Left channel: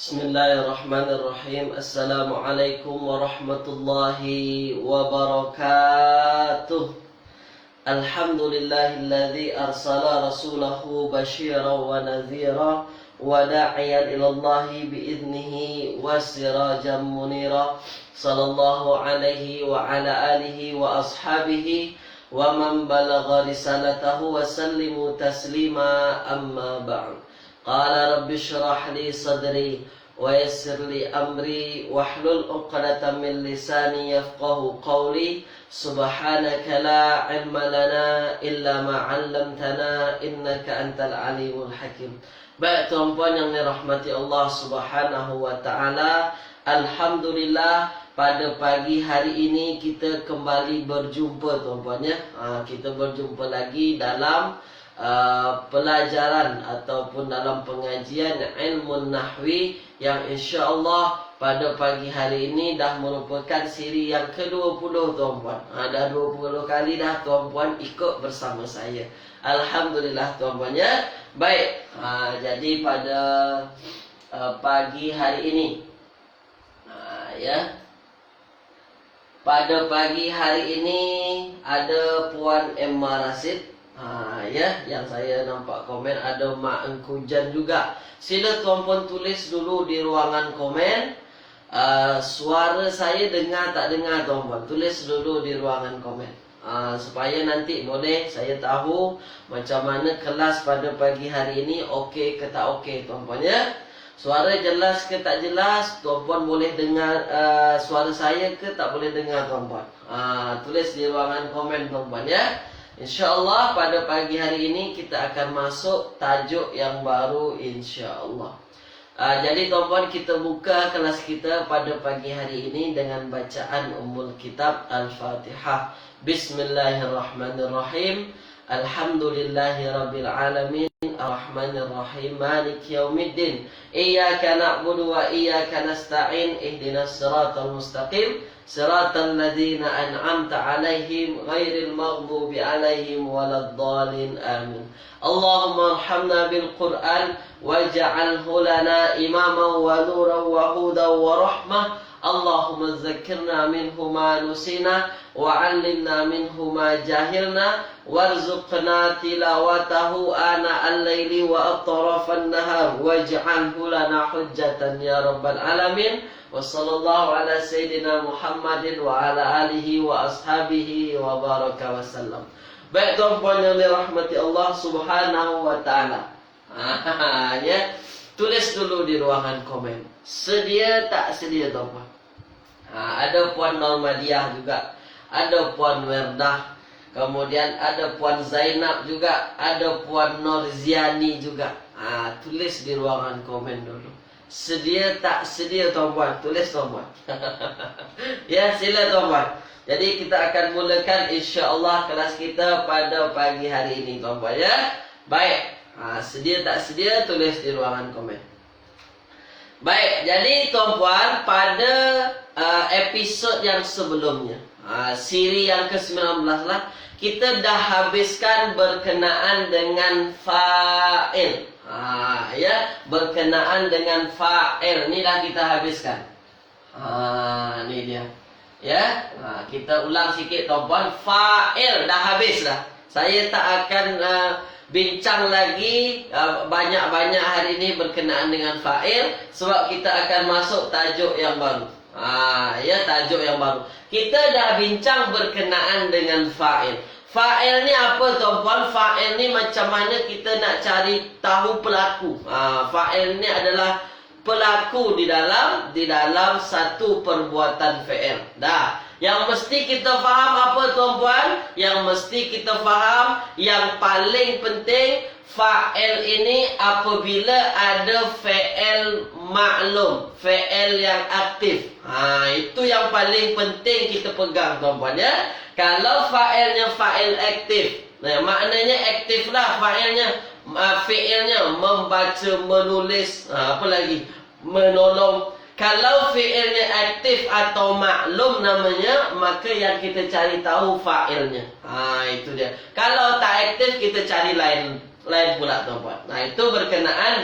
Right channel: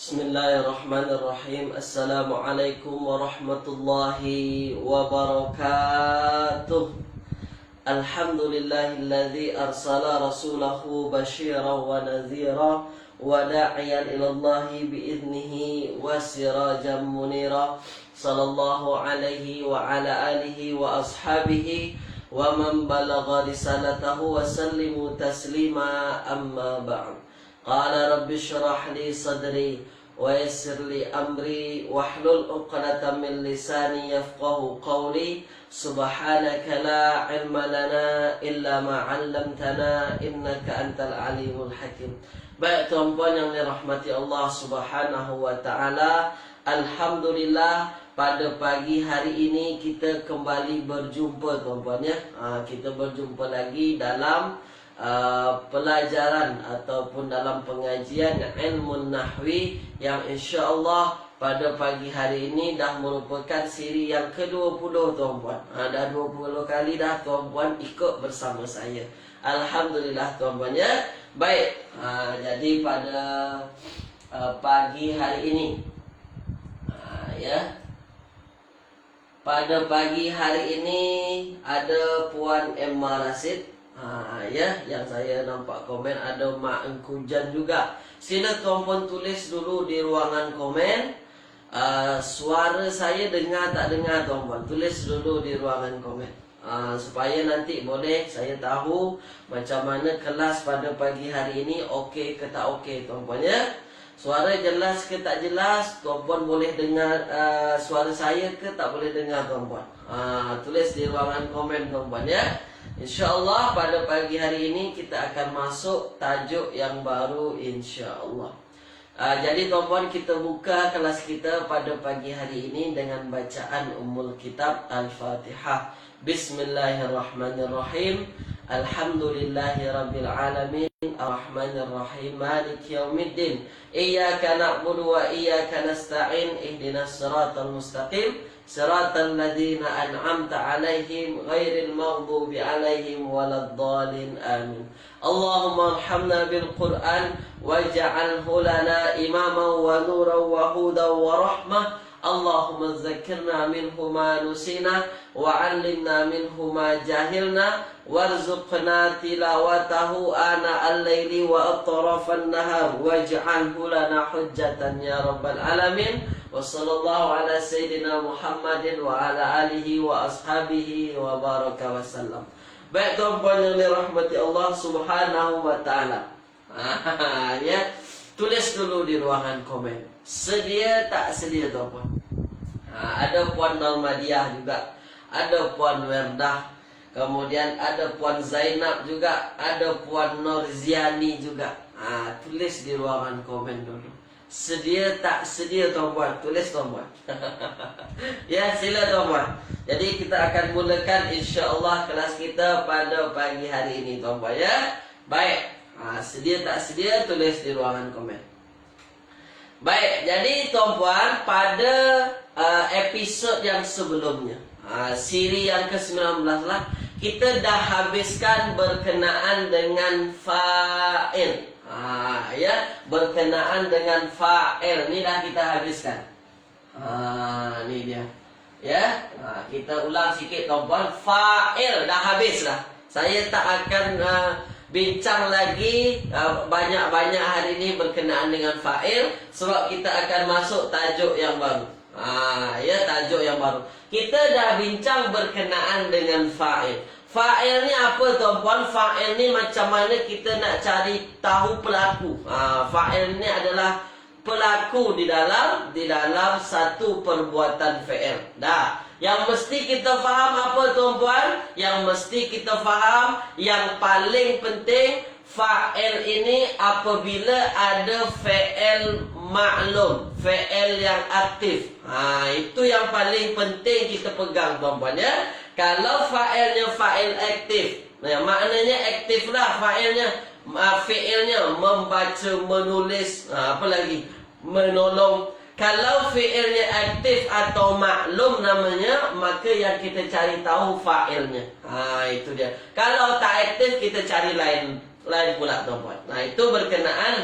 Bismillahirrahmanirrahim. Assalamualaikum warahmatullahi wabarakatuh. Alhamdulillahilladzi arsala rasulahu basyiran wa nadhira wa da'iyan ilallahi bi'idnihi wa sirajan munira. Sallallahu alaihi wa ala alihi wa ashabihi wa man balagha risalatahu wa sallimu taslima, amma ba'd. Qala rabbi shrah li sadri wa yassir li amri wahlul 'uqdatam min lisani yafqahu qawli. Subhanaka la ilma lana illa ma 'allamtana innaka antal alimul hakim. Baik tuan-puan yang dirahmati Allah Subhanahu wa taala, alhamdulillah pada pagi hari ini kita kembali berjumpa tuan-puan ya. Kita berjumpa lagi dalam pelajaran ataupun dalam pengajian ilmu nahwi yang insya-Allah pada pagi hari ini dah merupakan siri yang ke-20 tuan-puan. Dah 20 kali dah tuan-puan ikut bersama saya. Alhamdulillah tuan-puan ya. Baik, jadi pada pagi hari ini pada pagi hari ini ada Puan Emma Rasid. Yang saya nampak komen ada Mak Engkujan juga. Sila tuan-puan tulis dulu di ruangan komen. Suara saya dengar tak dengar tuan-puan. Tulis dulu di ruangan komen. Supaya nanti boleh saya tahu macam mana kelas pada pagi hari ini okey ke tak okey tuan-puan ya. Suara jelas ke tak jelas, tuan-puan boleh dengar suara saya ke tak boleh dengar tuan-puan. Tulis di ruangan komen tuan-puan ya. InsyaAllah pada pagi hari ini kita akan masuk tajuk yang baru insyaAllah. Jadi tuan-puan, kita buka kelas kita pada pagi hari ini dengan bacaan Ummul Kitab Al-Fatihah. Bismillahirrahmanirrahim. Alhamdulillahi Rabbil Alamin. Ar-Rahmanir-Rahim. Malik Yawmiddin. Iyaka na'budu wa iyaka nasta'in. Ihdinas siratal mustaqim. Siratal ladzina an'amta 'alaihim ghairil maghdubi 'alaihim waladdallin. Amin. Allahumma arhamna bil Qur'an waj'alhu lana imaman wa nuran wa hudan wa rahmah. Allahumma dzakkirna minhu ma nusina wa 'allimna minhu ma jahilna warzuqna tilawatahu ana al-laili wa atrafan nahar waj'alhu lana hujjatan ya rabbal alamin. Wa sallallahu ala sayyidina Muhammadin wa ala alihi wa ashabihi wa baraka wa sallam. Baik tuan-puan yang dirahmati Allah Subhanahu wa taala. Tulis dulu di ruangan komen. Sedia tak sedia tuan-puan? Ada Puan Malmadiah juga, ada Puan Werdah, kemudian ada Puan Zainab juga, ada Puan Norziani juga. Tulis di ruangan komen dulu. Sedia tak sedia tuan-puan? Tulis tuan-puan. Ya, sila tuan-puan. Jadi kita akan mulakan insya-Allah kelas kita pada pagi hari ini tuan-puan ya. Baik. Sedia tak sedia tulis di ruangan komen. Baik, jadi tuan-puan pada episod yang sebelumnya, siri yang ke-19 lah, kita dah habiskan berkenaan dengan fa'il. Berkenaan dengan fa'il ni dah kita habiskan. Ni dia. Ya, kita ulang sikit tuan-puan. Fa'il dah habis dah. Saya tak akan bincang lagi banyak-banyak hari ini berkenaan dengan fa'il, sebab kita akan masuk tajuk yang baru. Tajuk yang baru. Kita dah bincang berkenaan dengan fa'il. Fa'il ni apa tuan-puan? Fa'il ni macam mana kita nak cari tahu pelaku. Fa'il ni adalah pelaku di dalam satu perbuatan fi'il. Dah. Yang mesti kita faham apa tuan-puan? Yang mesti kita faham yang paling penting, fa'il ini apabila ada fi'il maklum, fi'il yang aktif. Itu yang paling penting kita pegang tuan-puan ya. Kalau fa'ilnya fa'il aktif, maknanya aktif lah fa'ilnya. Fi'ilnya membaca, menulis, apa lagi? Menolong. Kalau fi'ilnya aktif atau maklum namanya, maka yang kita cari tahu fa'ilnya. Itu dia. Kalau tak aktif, kita cari lain lain pula tuan-puan. Nah, itu berkenaan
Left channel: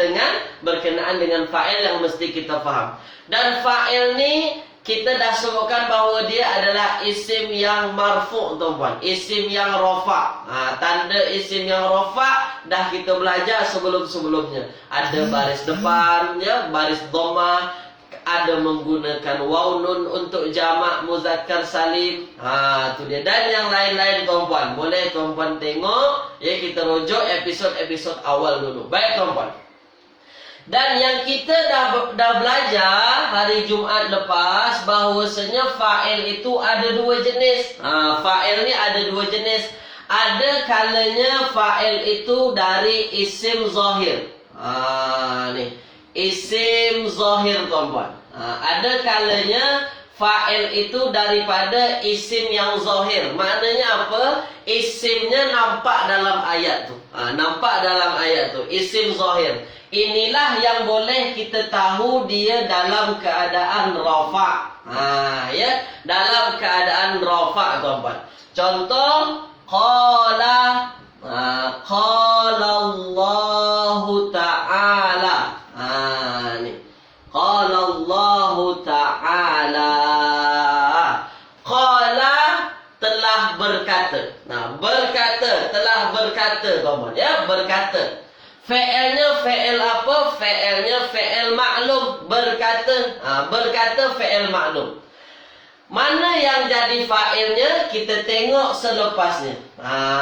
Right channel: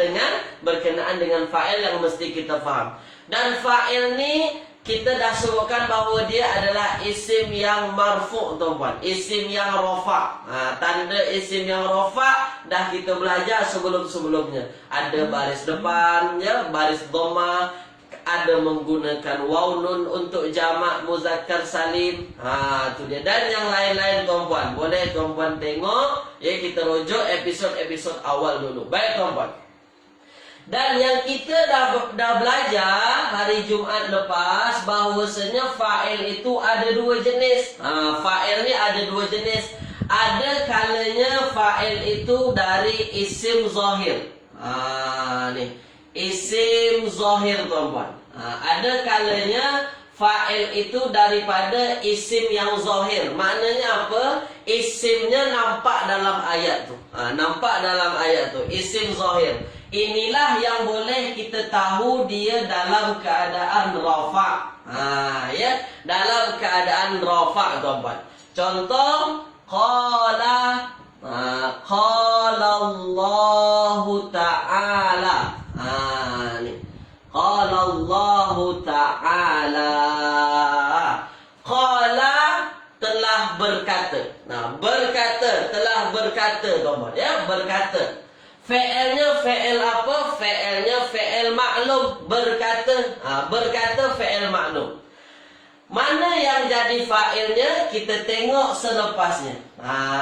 dengan fa'il yang mesti kita faham. Dan fa'il ni kita dah sebutkan bahawa dia adalah isim yang marfu' tuan-puan, isim yang rafa'. Tanda isim yang rafa' dah kita belajar sebelum-sebelumnya. Ada baris depan, ya, baris dhammah, ada menggunakan waw nun untuk jamak muzakkar salim. Tu dia. Dan yang lain-lain tuan-puan. Boleh tuan-puan tengok, ya, kita rujuk episod-episod awal dulu. Baik tuan-puan. Dan yang kita dah belajar hari Jumaat lepas bahawasanya fa'il itu ada dua jenis. Fa'il ni ada dua jenis. Ada kalanya fa'il itu dari isim zahir. Ni isim zahir tuan-puan. Ada kalanya fa'il itu daripada isim yang zahir. Maknanya apa? Isimnya nampak dalam ayat tu. Nampak dalam ayat tu. Isim zahir. Inilah yang boleh kita tahu dia dalam keadaan rafa'. Ya, dalam keadaan rafa' tuan-puan. Contoh, qala Allahu ta'ala. Ni. Qala Allahu ta'ala. Qala telah berkata. Berkata, telah berkata tuan-puan. Ya, berkata. Fi'ilnya fi'il apa? Fi'ilnya fi'il maklum. Berkata. Berkata fi'il maklum. Mana yang jadi fa'ilnya? Kita tengok selepasnya.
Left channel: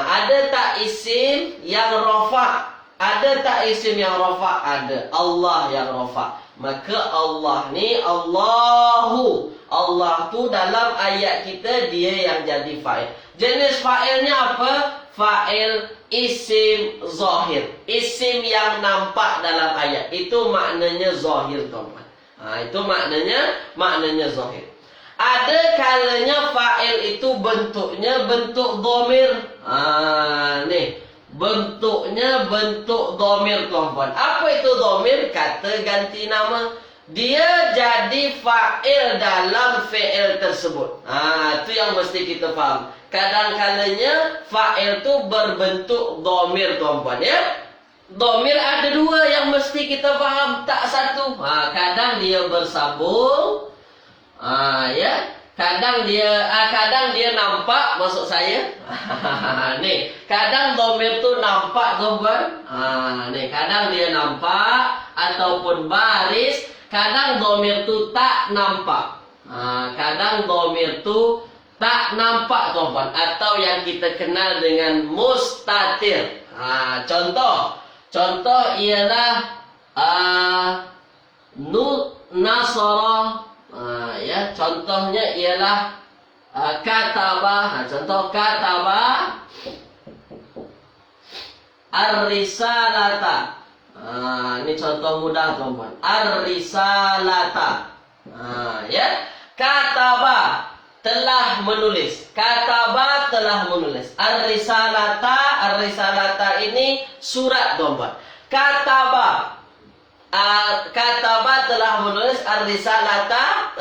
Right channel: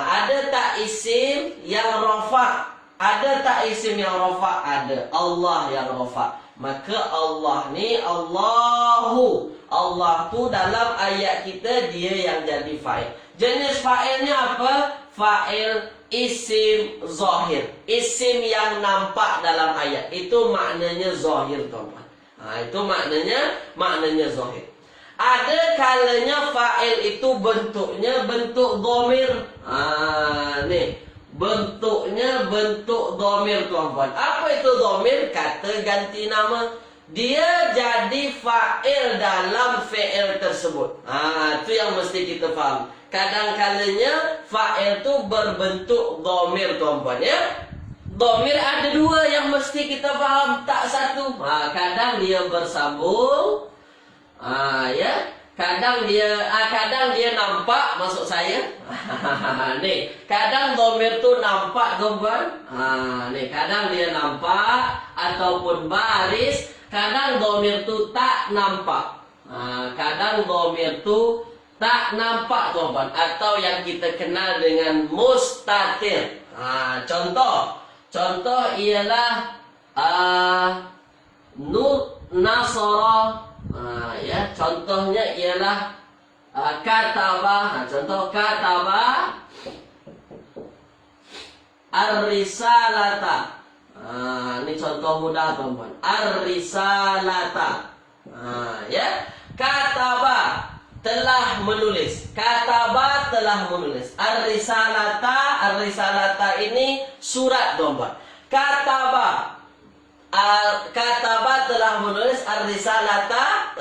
Ada tak isim yang rafa'? Ada tak isim yang rafa'? Ada. Allah yang rafa'. Maka Allah ni Allahu. Allah tu dalam ayat kita dia yang jadi fa'il. Jenis fa'ilnya apa? Fa'il isim zahir. Isim yang nampak dalam ayat. Itu maknanya zahir tuan-tuan. Itu maknanya zahir. Ada kalanya fa'il itu bentuknya bentuk dhamir. Ni. Bentuknya bentuk dhamir tuan-tuan. Apa itu dhamir? Kata ganti nama. Dia jadi fa'il dalam fi'il tersebut. Itu yang mesti kita faham. Kadang-kadangnya fa'il itu berbentuk dhamir tuan-puan, ya. Dhamir ada dua yang mesti kita faham, tak satu. Kadang dia bersambung. Ya. Kadang dia nampak, maksud saya. Nih, kadang dhamir tu nampak tuan-puan. Nih, kadang dia nampak ataupun baris, kadang dhamir tu tak nampak. Kadang dhamir tu tak nampak tuan-puan, atau yang kita kenal dengan mustatir. Contoh ialah nasara. Ya, contohnya ialah kataba. Contoh kataba ar-risalata. Ini contoh mudah tuan-puan. Ar-risalata. Ya, kataba telah menulis. Kataba telah menulis. Ar-risalata ini surat tuan-puan. Kataba telah menulis. Ar-risalata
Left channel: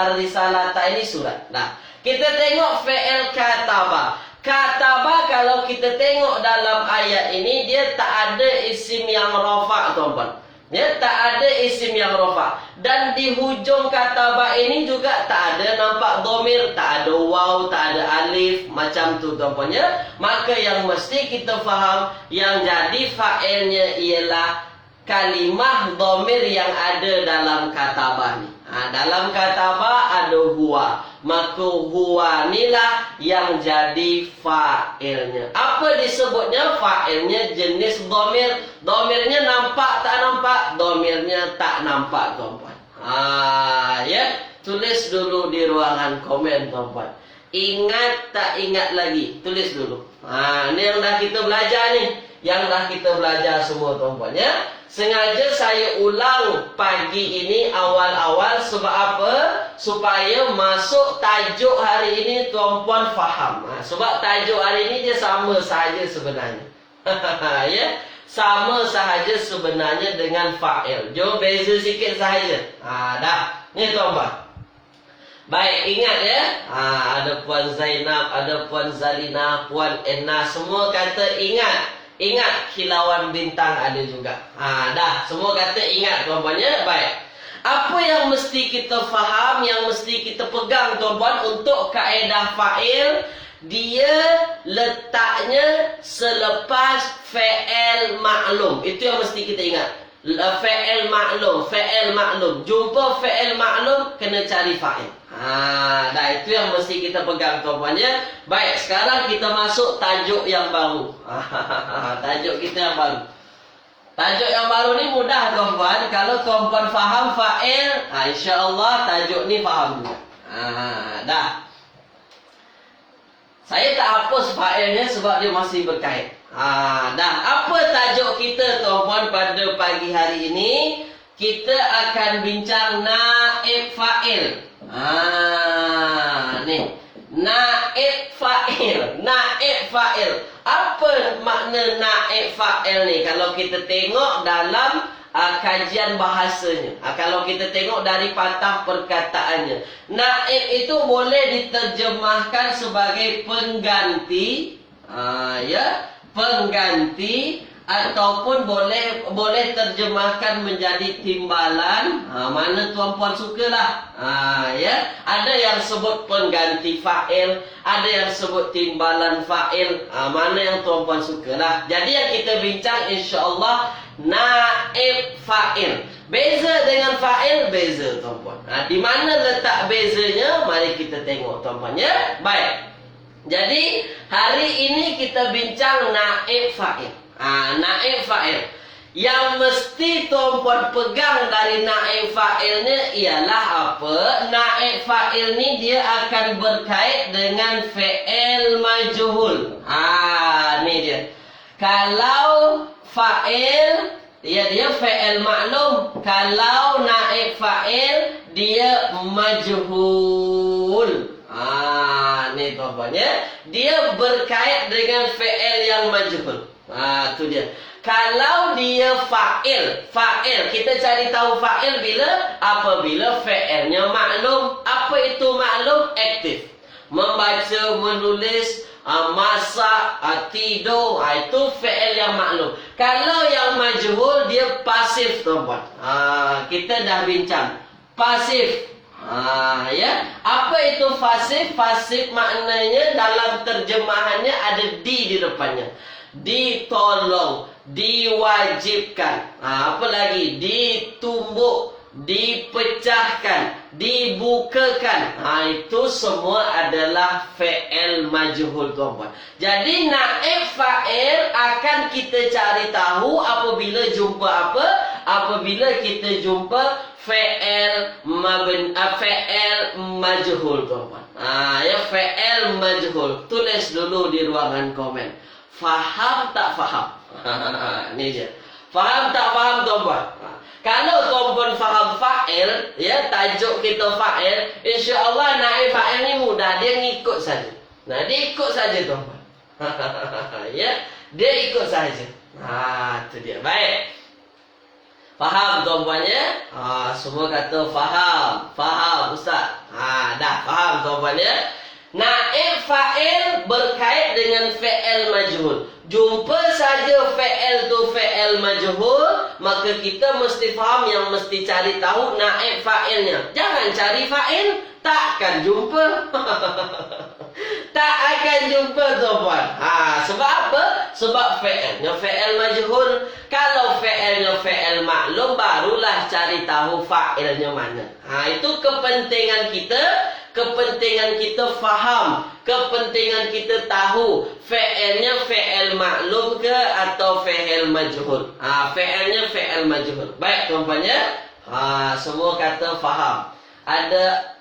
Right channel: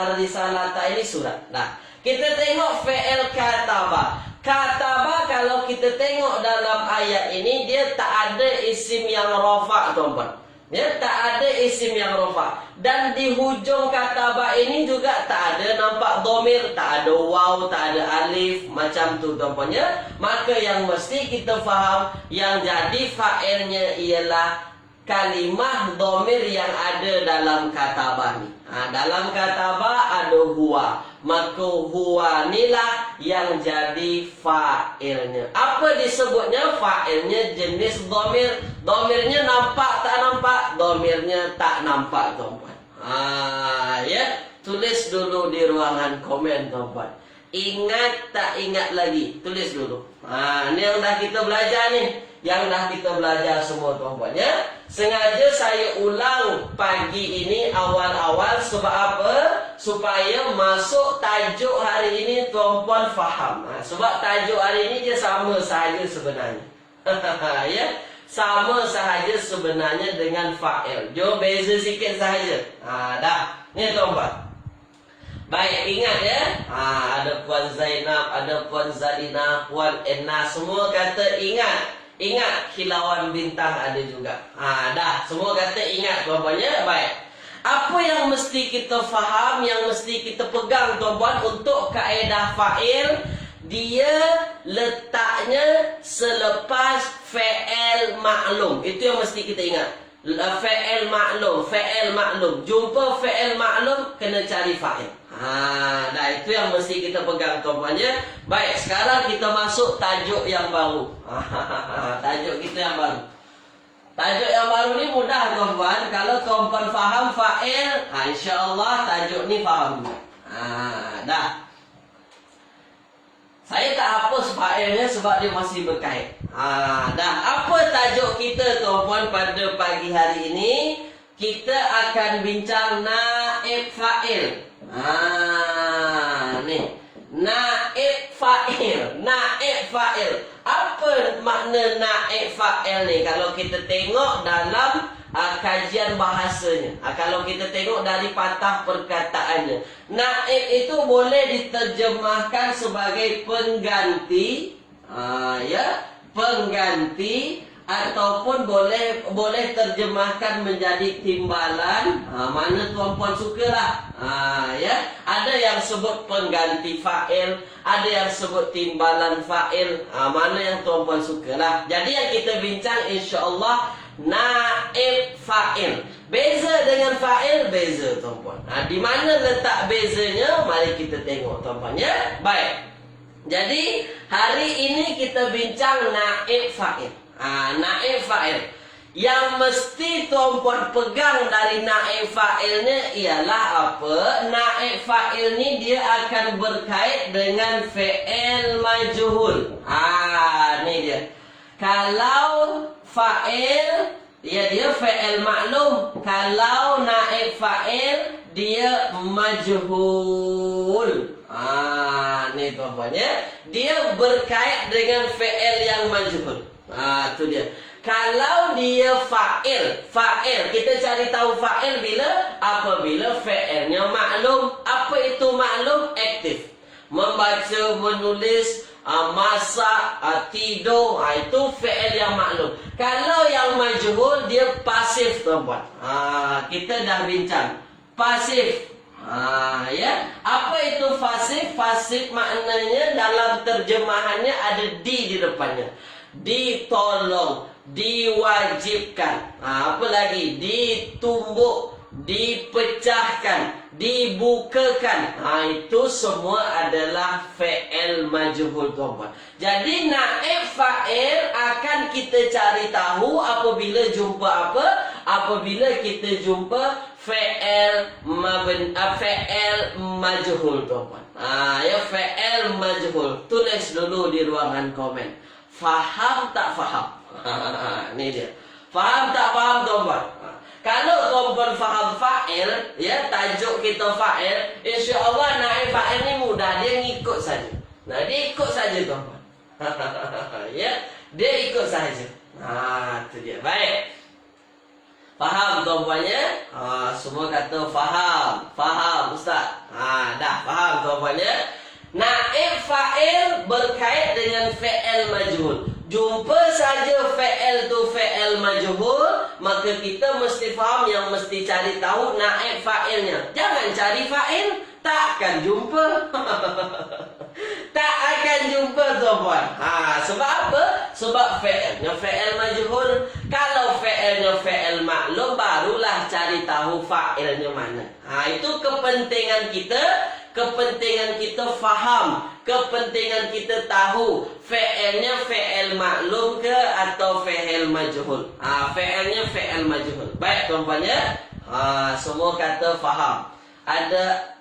Ar-risalata ini surat. Nah, kita tengok fi'il kataba. Kataba kalau kita tengok dalam ayat ini dia tak ada isim yang rafa' tuan-puan. Ya, tak ada isim yang rafa'. Dan di hujung kataba ini juga tak ada nampak dhamir, tak ada waw, tak ada alif, macam tu tuan-puan, ya. Maka yang mesti kita faham, yang jadi fa'ilnya ialah kalimah dhamir yang ada dalam kataba ni. Dalam kataba ada huwa. Maka huwa inilah yang jadi fa'ilnya. Apa disebutnya? Fa'ilnya jenis dhamir. Dhamirnya nampak tak nampak? Dhamirnya tak nampak tuan-puan. Ya, tulis dulu di ruangan komen tuan-puan. Ingat tak ingat lagi? Tulis dulu. Ini yang dah kita belajar ni. Yang dah kita belajar semua tuan-puan, ya. Sengaja saya ulang pagi ini awal-awal sebab apa? Supaya masuk tajuk hari ini tuan-puan faham. Sebab tajuk hari ini dia sama sahaja sebenarnya. Ya, sama sahaja sebenarnya dengan fa'il. Jom beza sikit sahaja. Dah. Ni tuan-puan. Baik, ingat ya. Ada Puan Zainab, ada Puan Zalina, Puan Enna, semua kata ingat. Ingat kilauan bintang ada juga. Dah, semua kata ingat tuan-puan ya. Baik. Apa yang mesti kita faham, yang mesti kita pegang tuan-puan untuk kaedah fa'il, dia letaknya selepas fi'il maklum. Itu yang mesti kita ingat. Fi'il maklum, fi'il maklum. Jumpa fi'il maklum, kena cari fa'il. Dah itu yang mesti kita pegang tuan-puan ya. Baik, sekarang kita masuk tajuk yang baru. Tajuk kita yang baru. Tajuk yang baru ni mudah tuan-puan. Kalau tuan-puan faham fa'il, insya-Allah tajuk ni faham juga. Dah. Saya tak hapus fa'ilnya sebab dia masih berkait. Dah. Apa tajuk kita tuan-puan pada pagi hari ini? Kita akan bincang naib fa'il. Ni. Naib fa'il. Naib fa'il. Apa makna naib fa'il ni? Kalau kita tengok dalam kajian bahasanya, kalau kita tengok dari patah perkataannya, naib itu boleh diterjemahkan sebagai pengganti, pengganti, ataupun boleh terjemahkan menjadi timbalan. Mana tuan-puan sukalah. Ada yang sebut pengganti fa'il, ada yang sebut timbalan fa'il. Mana yang tuan-puan sukalah. Jadi yang kita bincang insya-Allah naib fa'il. Beza dengan fa'il, beza tuan-puan. Di mana letak bezanya? Mari kita tengok tuan-puan ya. Baik. Jadi hari ini kita bincang naib fa'il. Naib fa'il. Yang mesti tuan-puan pegang dari naib fa'ilnya ialah apa? Naib fa'il ni dia akan berkait dengan fi'il majhul. Ni dia. Kalau fa'il, dia fi'il maklum. Kalau naib fa'il, dia majhul. Ni tuan-puan ya. Dia berkait dengan fi'il yang majhul. Tu dia. Kalau dia fa'il, kita cari tahu fa'il bila? Apabila fi'ilnya maklum. Apa itu maklum? Aktif. Membaca, menulis, masak, tidur. Itu fi'il yang maklum. Kalau yang majhul, dia pasif tuan-puan. Kita dah bincang. Pasif. Apa itu pasif? Pasif maknanya dalam terjemahannya ada di depannya. Ditolong, diwajibkan, apa lagi? Ditumbuk, dipecahkan, dibukakan. Itu semua adalah fi'il majhul tuan-puan. Jadi naib fa'il akan kita cari tahu apabila jumpa apa? Apabila kita jumpa fi'il majhul tuan-puan. Fi'il majhul. Tulis dulu di ruangan komen. Faham tak faham? Ni dia. Faham tak faham tuan-puan? Kalau tuan-puan faham fa'il, tajuk kita fa'il, insya-Allah naib fa'il ni mudah, dia ngikut saja. Dia ikut saja tuan-puan. Dia ikut saja. Tu dia. Baik. Faham tuan-puan ya? Semua kata faham. Faham ustaz. Dah faham tuan-puan ya? Naib fa'il berkait dengan fi'il majhul. Jumpa saja fi'il tu fi'il majhul, maka kita mesti faham yang mesti cari tahu naib fa'ilnya. Jangan cari fa'il, takkan jumpa. Tak akan jumpa tuan-puan. Sebab apa? Sebab fi'ilnya fi'il majhul. Kalau fi'ilnya fi'il maklum, barulah cari tahu fa'ilnya mana. Itu kepentingan kita. Kepentingan kita faham, kepentingan kita tahu fi'ilnya fi'il maklum ke atau fi'il majhul. Fi'ilnya fi'il majhul. Baik tuan-puan ya. Semua kata faham. Ada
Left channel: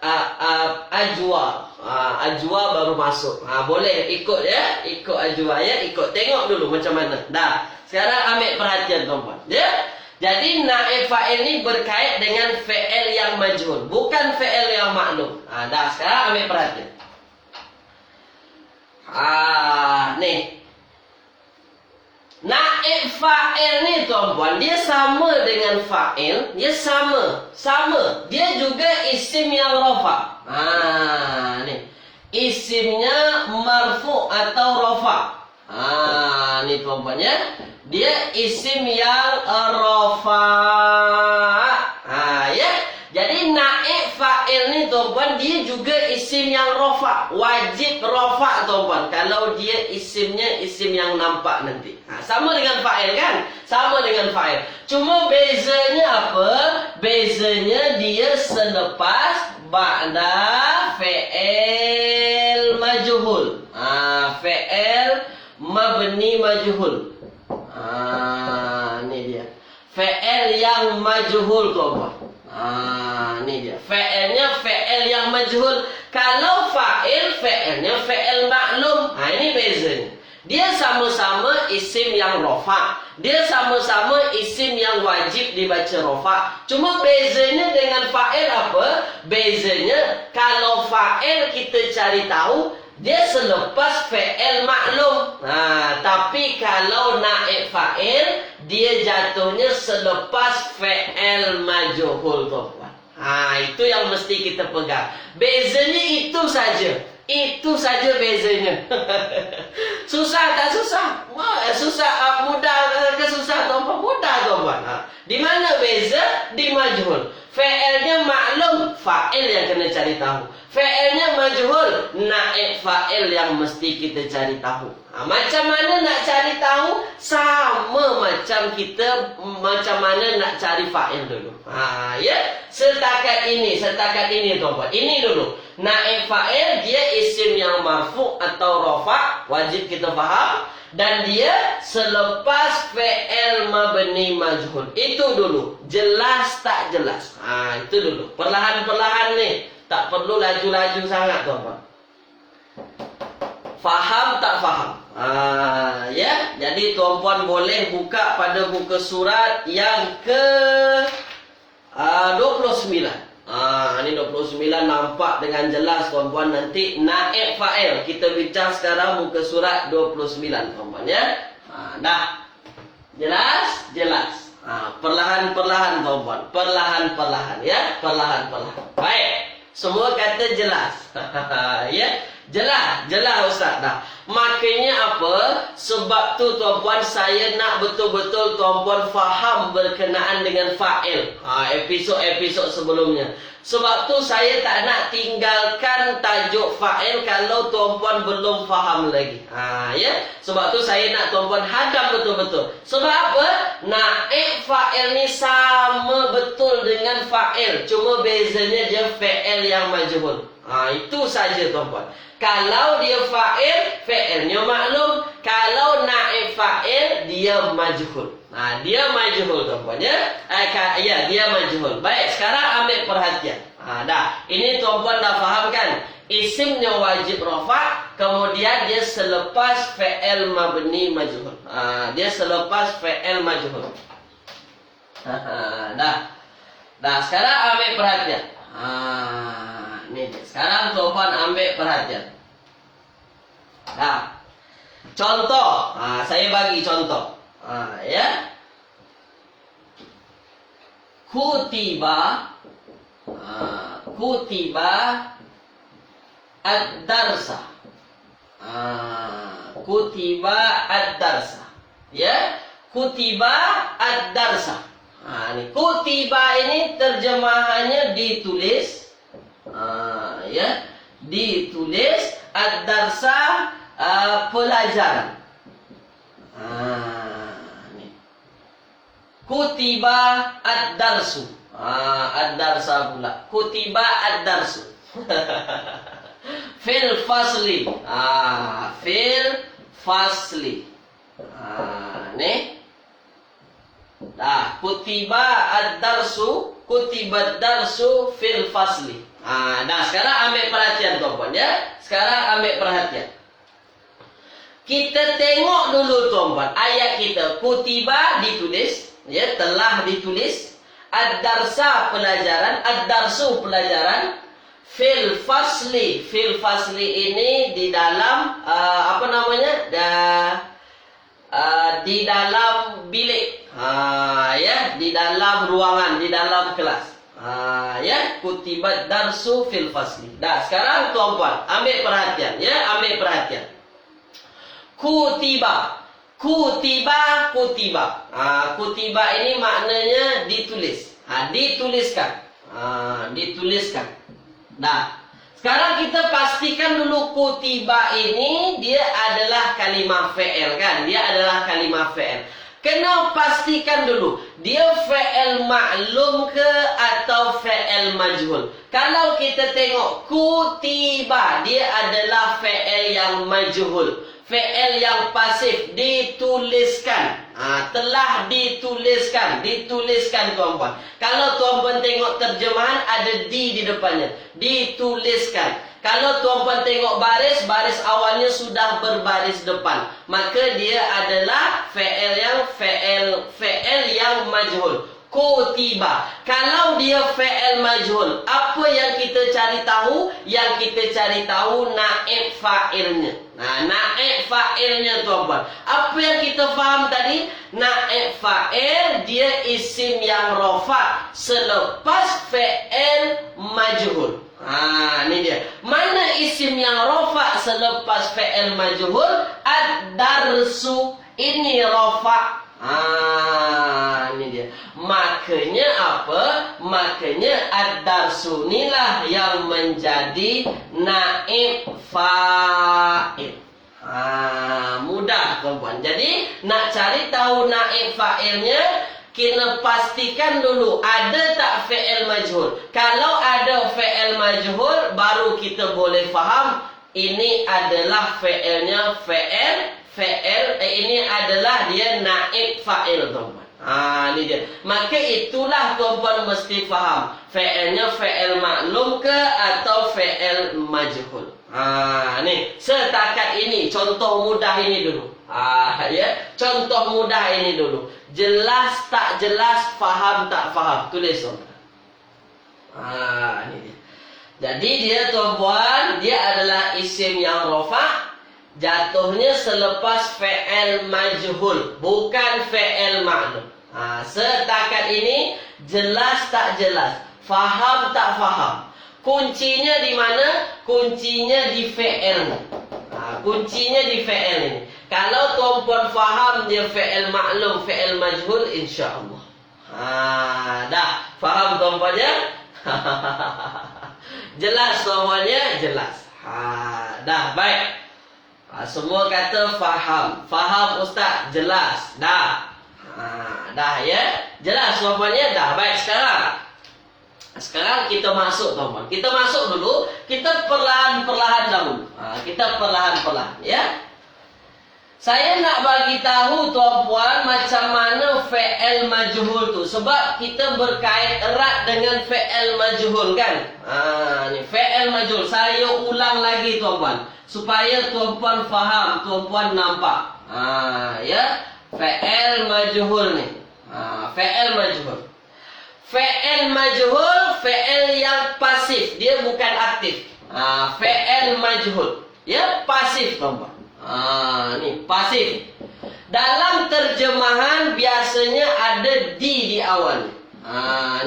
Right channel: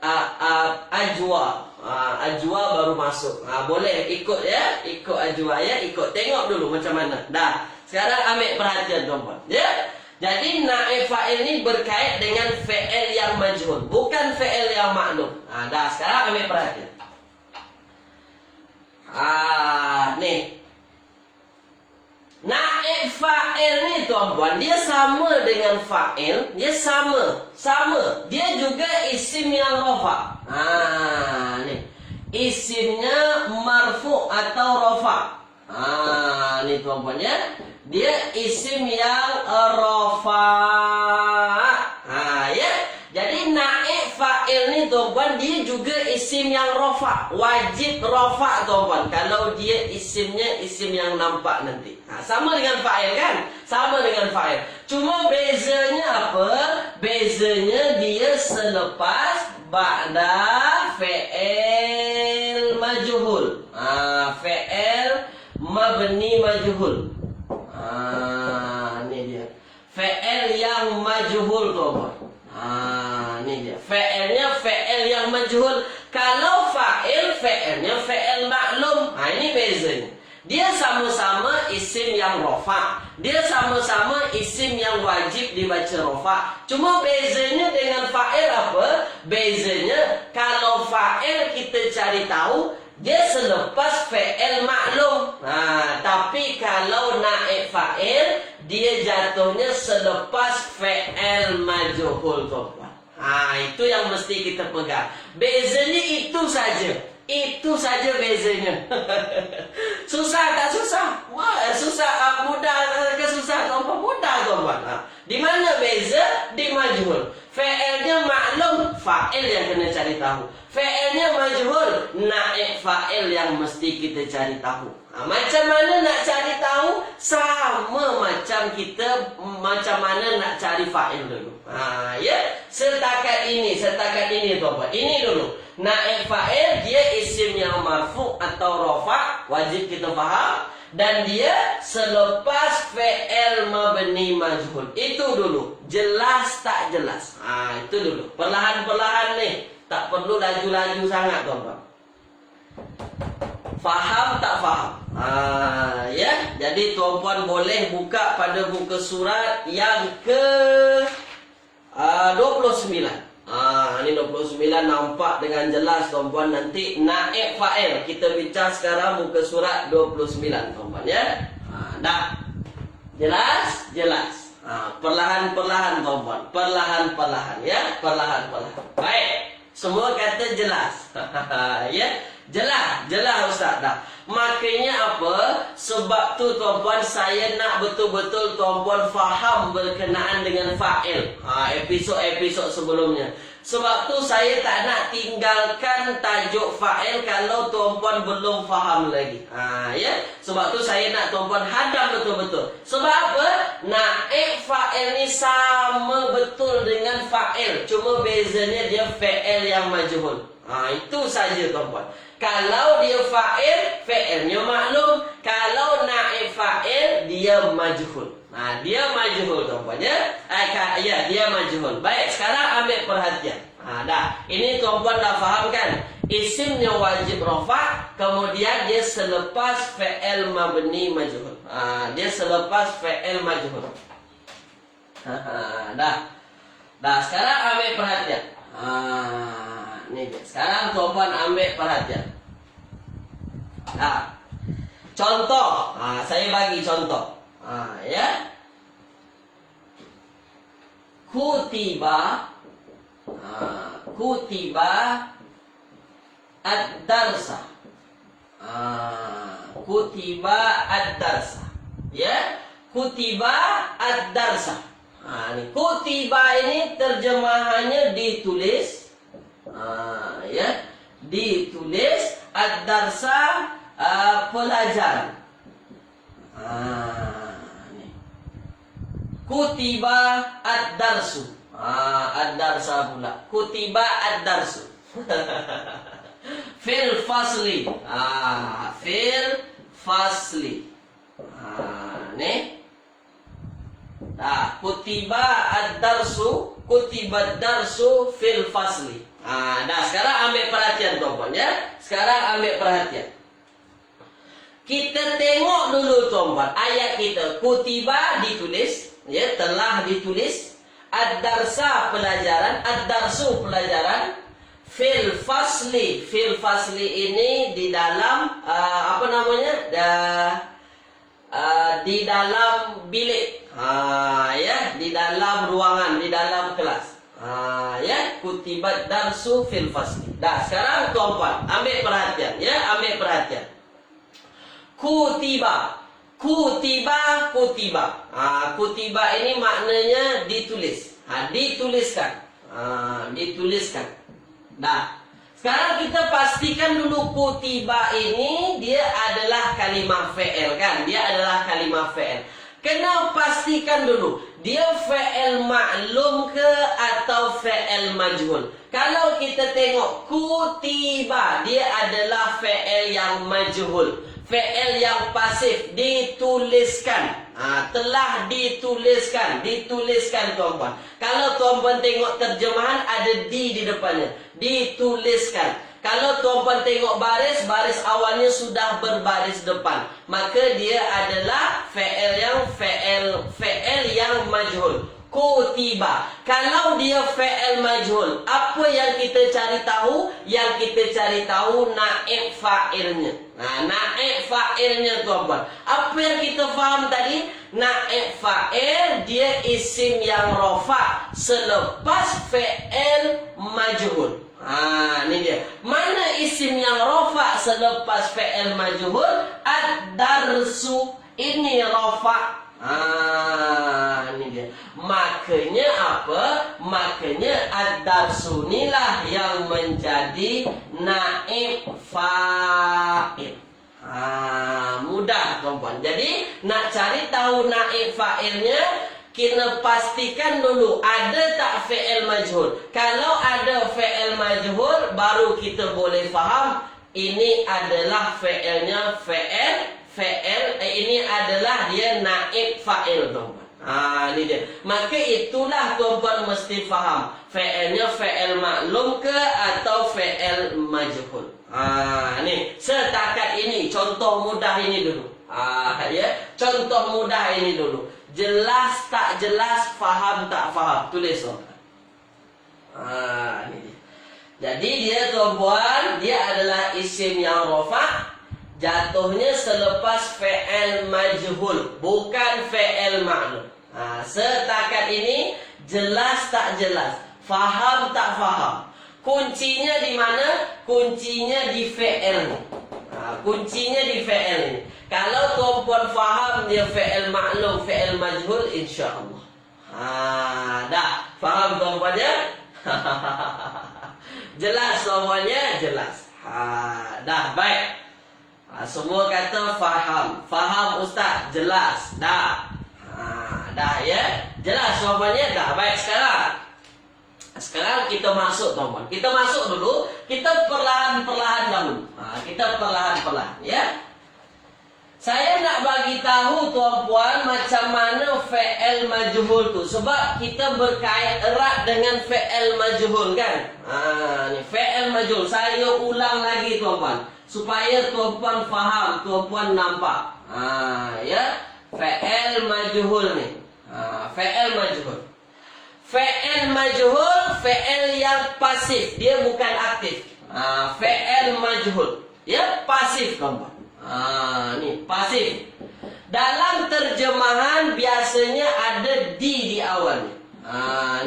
ajwa. Ajwa baru masuk. Boleh ikut ya. Ikut ajwa ya. Ikut. Tengok dulu macam mana. Dah. Sekarang ambil perhatian tuan-puan. Ya. Jadi naib fa'il ni berkait dengan fi'il yang majhul, bukan fi'il yang maklum. Dah, sekarang ambil perhatian. Ni. Naib fa'il ni tuan-puan, dia sama dengan fa'il, dia sama. Dia juga isim yang rafa'. Ni. Isimnya marfu' atau rafa'. Ni tuan-tuan ya. Dia isim yang rafa. Ya. Jadi naik fa'il ni tuan-tuan, dia juga isim yang rafa. Wajib rafa tuan-tuan. Kalau dia isimnya isim yang nampak nanti. Sama dengan fa'il kan? Sama dengan fa'il. Cuma bezanya apa? Bezanya dia selepas ba'da fi'il majhul. Fi'il mabni majhul. Ni dia. Fi'il yang majhul tuan-tuan. Ni dia. Fi'ilnya fi'il yang majhul. Kalau fa'il, fi'ilnya fi'il maklum. Ini bezanya. Dia sama-sama isim yang rafa. Dia sama-sama isim yang wajib dibaca rafa. Cuma bezanya dengan fa'il apa? Bezanya kalau fa'il kita cari tahu dia selepas fi'il maklum. Tapi kalau naik fa'il, dia jatuhnya selepas fi'il majhul tuan-tuan. Itu yang mesti kita pegang. Bezanya itu saja. Itu saja bezanya. Susah tak susah? Susah, mudah ke susah tuan-tuan? Mudah tuan-tuan. Di mana beza? Di majhul. Fi'ilnya maklum, fa'il yang kena cari tahu. Fi'ilnya majhul, naik fa'il yang mesti kita cari tahu. Macam mana nak cari tahu? Sama macam kita macam mana nak cari fa'il dulu. Ya, setakat ini tuan-tuan. Ini dulu. Naik fa'il dia isim yang marfu atau rafa, wajib kita faham. Dan dia selepas fi'il mabni majhul. Itu dulu. Jelas tak jelas? Itu dulu. Perlahan-perlahan nih. Tak perlu laju-laju sangat tuan-tuan. Faham tak faham? Ya. Jadi tuan-tuan boleh buka pada muka surat yang ke 29. Ini 29 nampak dengan jelas tuan-tuan. Nanti naik fa'il. Kita bincang sekarang muka surat 29 tuan-tuan ya. Dah. Jelas? Jelas. Perlahan-perlahan tuan-tuan. Perlahan-perlahan ya. Perlahan-perlahan. Baik. Semua kata jelas. Ya. Jelas. Jelas Ustaz. Dah. Makanya apa? Sebab tu tuan-puan saya nak betul-betul tuan-puan faham berkenaan dengan fa'il. Episod-episod sebelumnya. Sebab tu saya tak nak tinggalkan tajuk fa'il kalau tuan-puan belum faham lagi. Ya. Sebab tu saya nak tuan-puan hadam betul-betul. Sebab apa? Naik fa'il ni sama betul dengan fa'il. Cuma bezanya dia fa'il yang majhul. Itu saja tuan-puan. Kalau dia fa'il, fi'ilnya maklum. Kalau naib fa'il, dia majhul. Dia majhul tuan-puan ya. Ya, dia majhul. Baik, sekarang ambil perhatian. Dah. Ini tuan-puan dah faham kan? Isimnya wajib rafa', kemudian dia selepas fi'il mabni majhul. Dia selepas fi'il majhul. Dah. Dah, sekarang ambil perhatian. Ni dia. Sekarang tuan-puan ambil perhatian. Contoh. Saya bagi contoh. Ya. Kutiba ad-darsa. Kutiba ad-darsa. Ya. Kutiba ad-darsa. Ni kutiba ini terjemahannya ditulis. Ya, ditulis. Ad-darsa pelajaran. Ni. Kutiba ad-darsu. Ad-darsa pula. Kutiba ad-darsu. Fil fasli. Fil fasli. Ni. Kutiba ad-darsu. Kutiba ad-darsu fil fasli. Dah, sekarang ambil perhatian tuan-tuan ya. Sekarang ambil perhatian. Kita tengok dulu tuan-tuan. Ayat kita. Kutiba ditulis. Ya, telah ditulis. Ad-darsa pelajaran. Ad-darsu pelajaran. Fil fasli. Fil fasli ini di dalam apa namanya? Di dalam bilik. Ya, di dalam ruangan, di dalam kelas. Ya, kutibat darsu fil fasli. Dah, sekarang tuan-puan ambil perhatian ya, ambil perhatian. Kutiba. Kutiba, kutiba. Kutiba ini maknanya ditulis. Dituliskan. Dituliskan. Nah, sekarang kita pastikan dulu kutiba ini dia adalah kalimah fi'il kan? Dia adalah kalimah fi'il. Kena pastikan dulu dia fi'il ma'lum ke atau fi'il majhul. Kalau kita tengok kutiba, dia adalah fi'il yang majhul, fi'il yang pasif, dituliskan. Telah dituliskan, dituliskan tuan-puan. Kalau tuan-puan tengok terjemahan ada di depannya, dituliskan. Kalau tuan-puan tengok baris, baris awalnya sudah berbaris depan, maka dia adalah fi'il yang majhul. Kutiba. Kalau dia fi'il majhul, apa yang kita cari tahu? Yang kita cari tahu naib fa'ilnya. Naib fa'ilnya tuan-puan. Apa yang kita faham tadi? Naib fa'il dia isim yang rafa' selepas fi'il majhul. Ini dia. Mana isim yang rafa' selepas fi'il majhul? Ad-darsu. Ini rafa'. Ini dia. Makanya apa? Makanya ad-darsu inilah yang menjadi naib fa'il. Mudah tuan-puan. Jadi nak cari tahu naib fa'ilnya, kena pastikan dulu ada tak fi'il majhul. Kalau ada fi'il majhul, baru kita boleh faham ini adalah fi'ilnya ini adalah dia naib fa'il tuan-puan. Ini dia. Maka itulah tuan-puan mesti faham fi'ilnya fi'il maklum ke atau fi'il majhul. Ni setakat ini contoh mudah ini dulu. Contoh mudah ini dulu. Jelas tak jelas, faham tak faham, tulis tuan-puan. Ini dia. Jadi dia tuan-puan, dia adalah isim yang rafa', jatuhnya selepas fi'il majhul, bukan fi'il ma'lum. Setakat ini jelas tak jelas, faham tak faham. Kuncinya di mana? Kuncinya di fi'il. Kuncinya di fi'il ini. Kalau tuan-puan faham dia fi'il ma'lum, fi'il majhul, insya-Allah. Dah faham tuan-puan ya? Jelas tuan-puannya? Jelas. Dah baik. Semua kata faham. Faham ustaz? Jelas. Dah. Dah ya. Jelas tuan-puannya? Dah baik. Sekarang kita masuk tuan-puan. Kita masuk dulu. Kita perlahan-perlahan dahulu. Kita perlahan-perlahan ya. Saya nak bagi tahu tuan-puan macam mana fi'il majhul tu, sebab kita berkait erat dengan fi'il majhul kan. Ni fi'il majhul. Saya ulang lagi tuan-puan supaya tuan-puan faham, tuan-puan nampak. Ya, fi'il majhul ni. Fi'il majhul. Fi'il majhul fi'il yang pasif, dia bukan aktif. Fi'il majhul. Ya, pasif tuan-puan. Ni pasif. Dalam terjemahan biasanya ada di awal.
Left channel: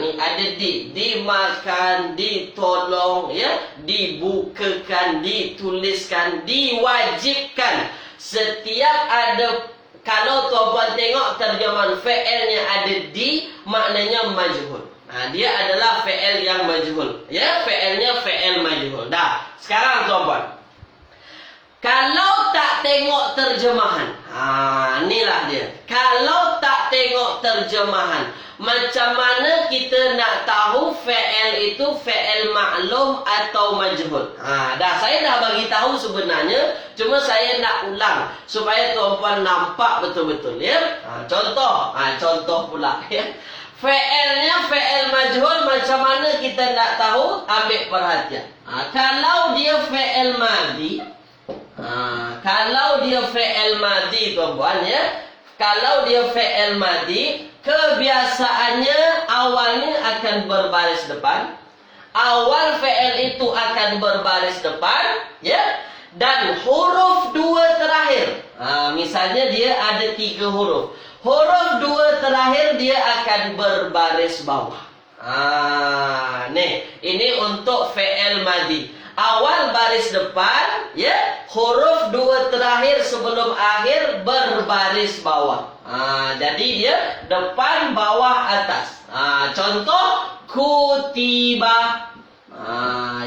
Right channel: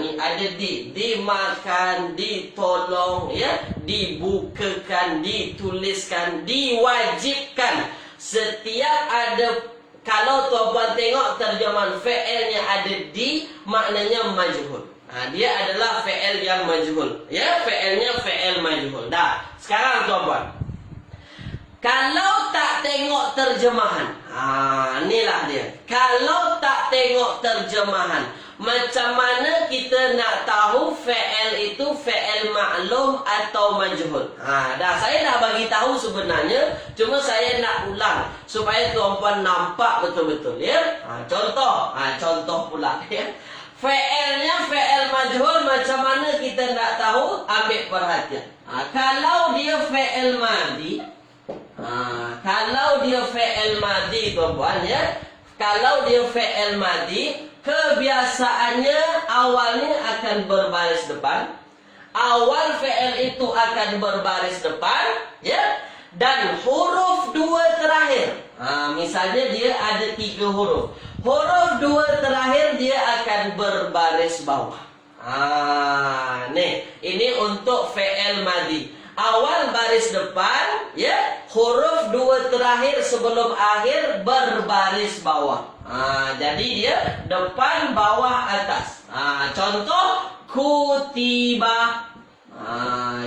Ni ada di. Dimakan, ditolong, ya, dibukakan, dituliskan, diwajibkan. Setiap ada, kalau tuan-puan tengok terjemahan fi'ilnya ada di, maknanya majhul. Dia adalah fi'il yang majhul. Ya, fi'ilnya fi'il majhul. Dah. Sekarang tuan-puan, kalau tak tengok terjemahan, inilah dia. Kalau tak tengok terjemahan, macam mana kita nak tahu fi'il itu fi'il maklum atau majhul? Dah, saya dah bagi tahu sebenarnya, cuma saya nak ulang supaya tuan-puan nampak betul-betul ya. Contoh pula ya. Fi'ilnya fi'il majhul, macam mana kita nak tahu? Ambil perhatian. Kalau dia fi'il madhi, kalau dia fi'il madhi tuan-puan ya, kalau dia fi'il madhi, kebiasaannya awalnya akan berbaris depan. Awal fi'il itu akan berbaris depan ya, dan huruf dua terakhir. Misalnya dia ada 3 huruf. Huruf dua terakhir dia akan berbaris bawah. Nih, ini untuk fi'il madhi. Awal baris depan ya, huruf dua terakhir sebelum akhir berbaris bawah. Jadi dia depan, bawah, atas. Contoh kutiba.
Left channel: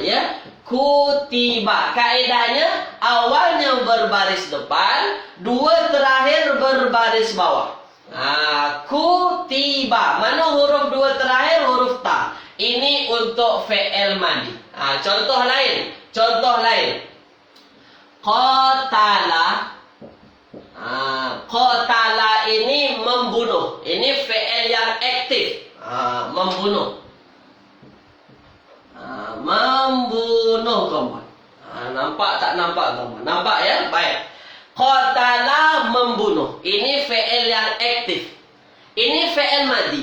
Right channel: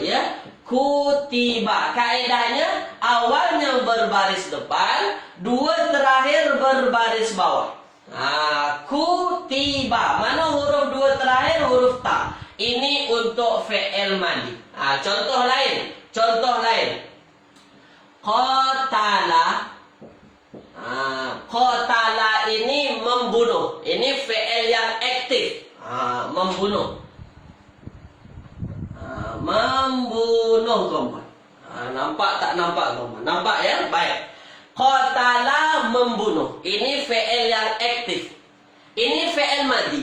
Ya, kutiba. Kaedahnya awalnya berbaris depan, dua terakhir berbaris bawah. Kutiba. Mana huruf dua terakhir? Huruf ta. Ini untuk fi'il madi. Contoh lain. Qatala. Qatala ini membunuh. Ini fi'il yang aktif. Membunuh. Membunuh, kawan. Nampak tak nampak, kawan? Nampak ya? Baik. Qatala membunuh. Ini fi'il yang aktif. Ini fi'il madi.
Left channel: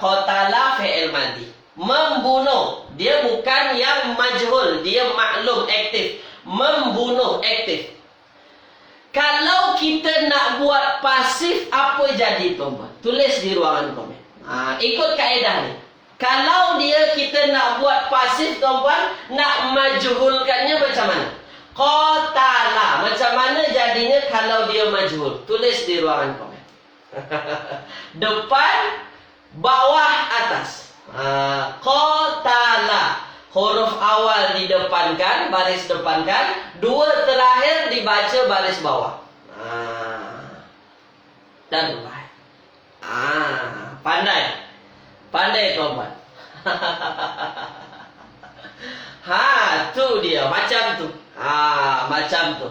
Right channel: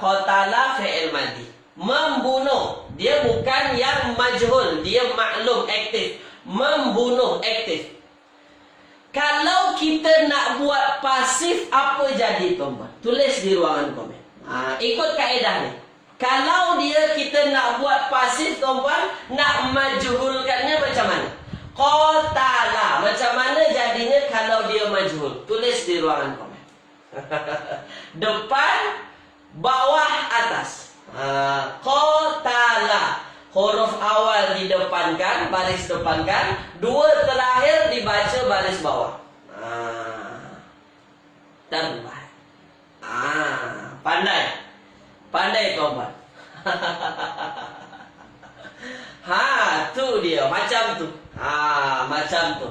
Qatala fi'il madi. Membunuh. Dia bukan yang majhul. Dia maklum, aktif. Membunuh, aktif. Kalau kita nak buat pasif, apa jadi, tuan-tuan? Tulis di ruangan komen. Ikut kaedah ni. Kalau kita nak buat pasif, tuan-tuan, nak majhulkannya macam mana? Qatala. Macam mana jadinya kalau dia majhul? Tulis di ruangan komen. Depan, bawah, atas. Qatala. Huruf awal didepankan, baris depankan. Dua terakhir dibaca baris bawah. Terbaik. Pandai. Pandai, kawan. Tu dia. Macam tu. Macam tu.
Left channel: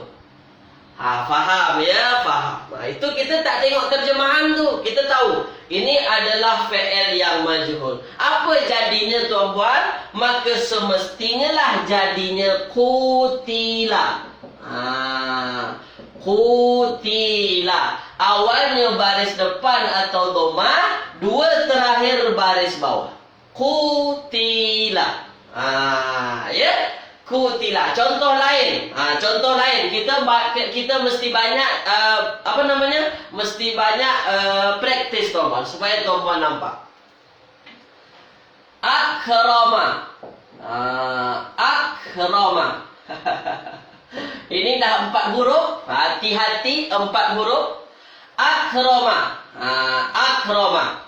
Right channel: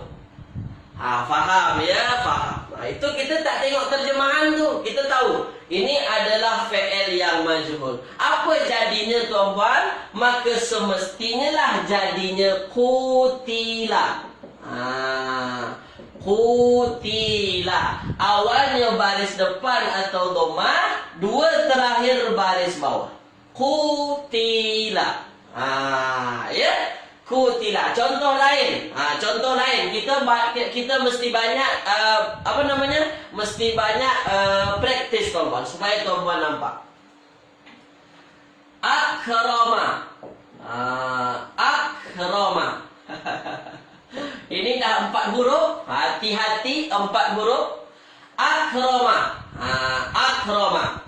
Faham ya? Faham. Itu kita tak tengok terjemahan tu. Kita tahu. Ini adalah fi'il yang majhul. Apa jadinya, tuan-puan? Maka semestinya lah jadinya kutila. Kutila. Awalnya baris depan atau dhamma, dua terakhir baris bawah. Kutila. Ya? Kutila. Contoh lain. Kita mesti banyak mesti banyak praktis, tuan-tuan, supaya tuan-tuan nampak. Akrama. Akrama. Ini dah 4 huruf. Hati-hati, 4 huruf. Akrama. Akrama.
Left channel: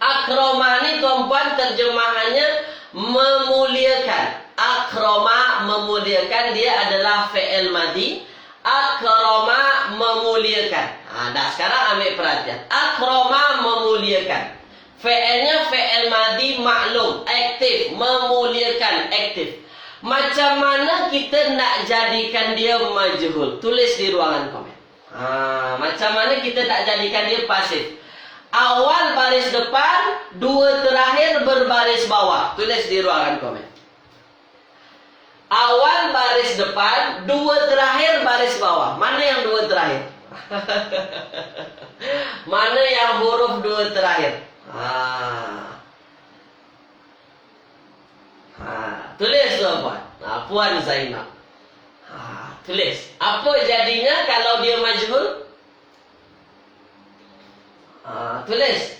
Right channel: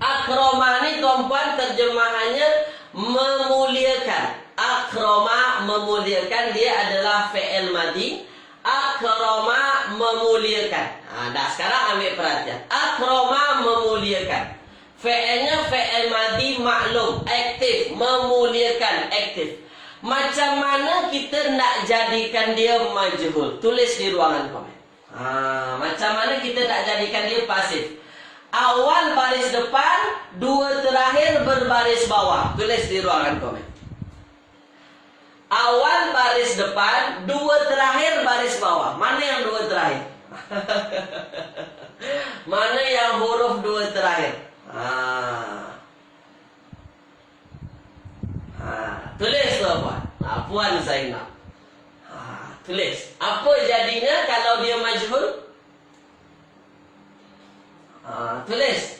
Akrama ni, tuan-puan, terjemahannya memuliakan. Akrama, memuliakan. Dia adalah fi'il madi. Akrama, memuliakan. Dah, sekarang ambil perhatian. Akrama, memuliakan. Fi'ilnya fi'il madi maklum, aktif. Memuliakan, aktif. Macam mana kita nak jadikan dia majhul? Tulis di ruangan komen. Macam mana kita nak jadikan dia pasif? Awal baris depan, dua terakhir berbaris bawah. Tulis di ruangan komen. Awal baris depan, dua terakhir baris bawah. Mana yang dua terakhir? Mana yang huruf dua terakhir? Tulis, tuan-puan. Puan Zainab. Tulis. Apa jadinya kalau dia majhul? Tulis.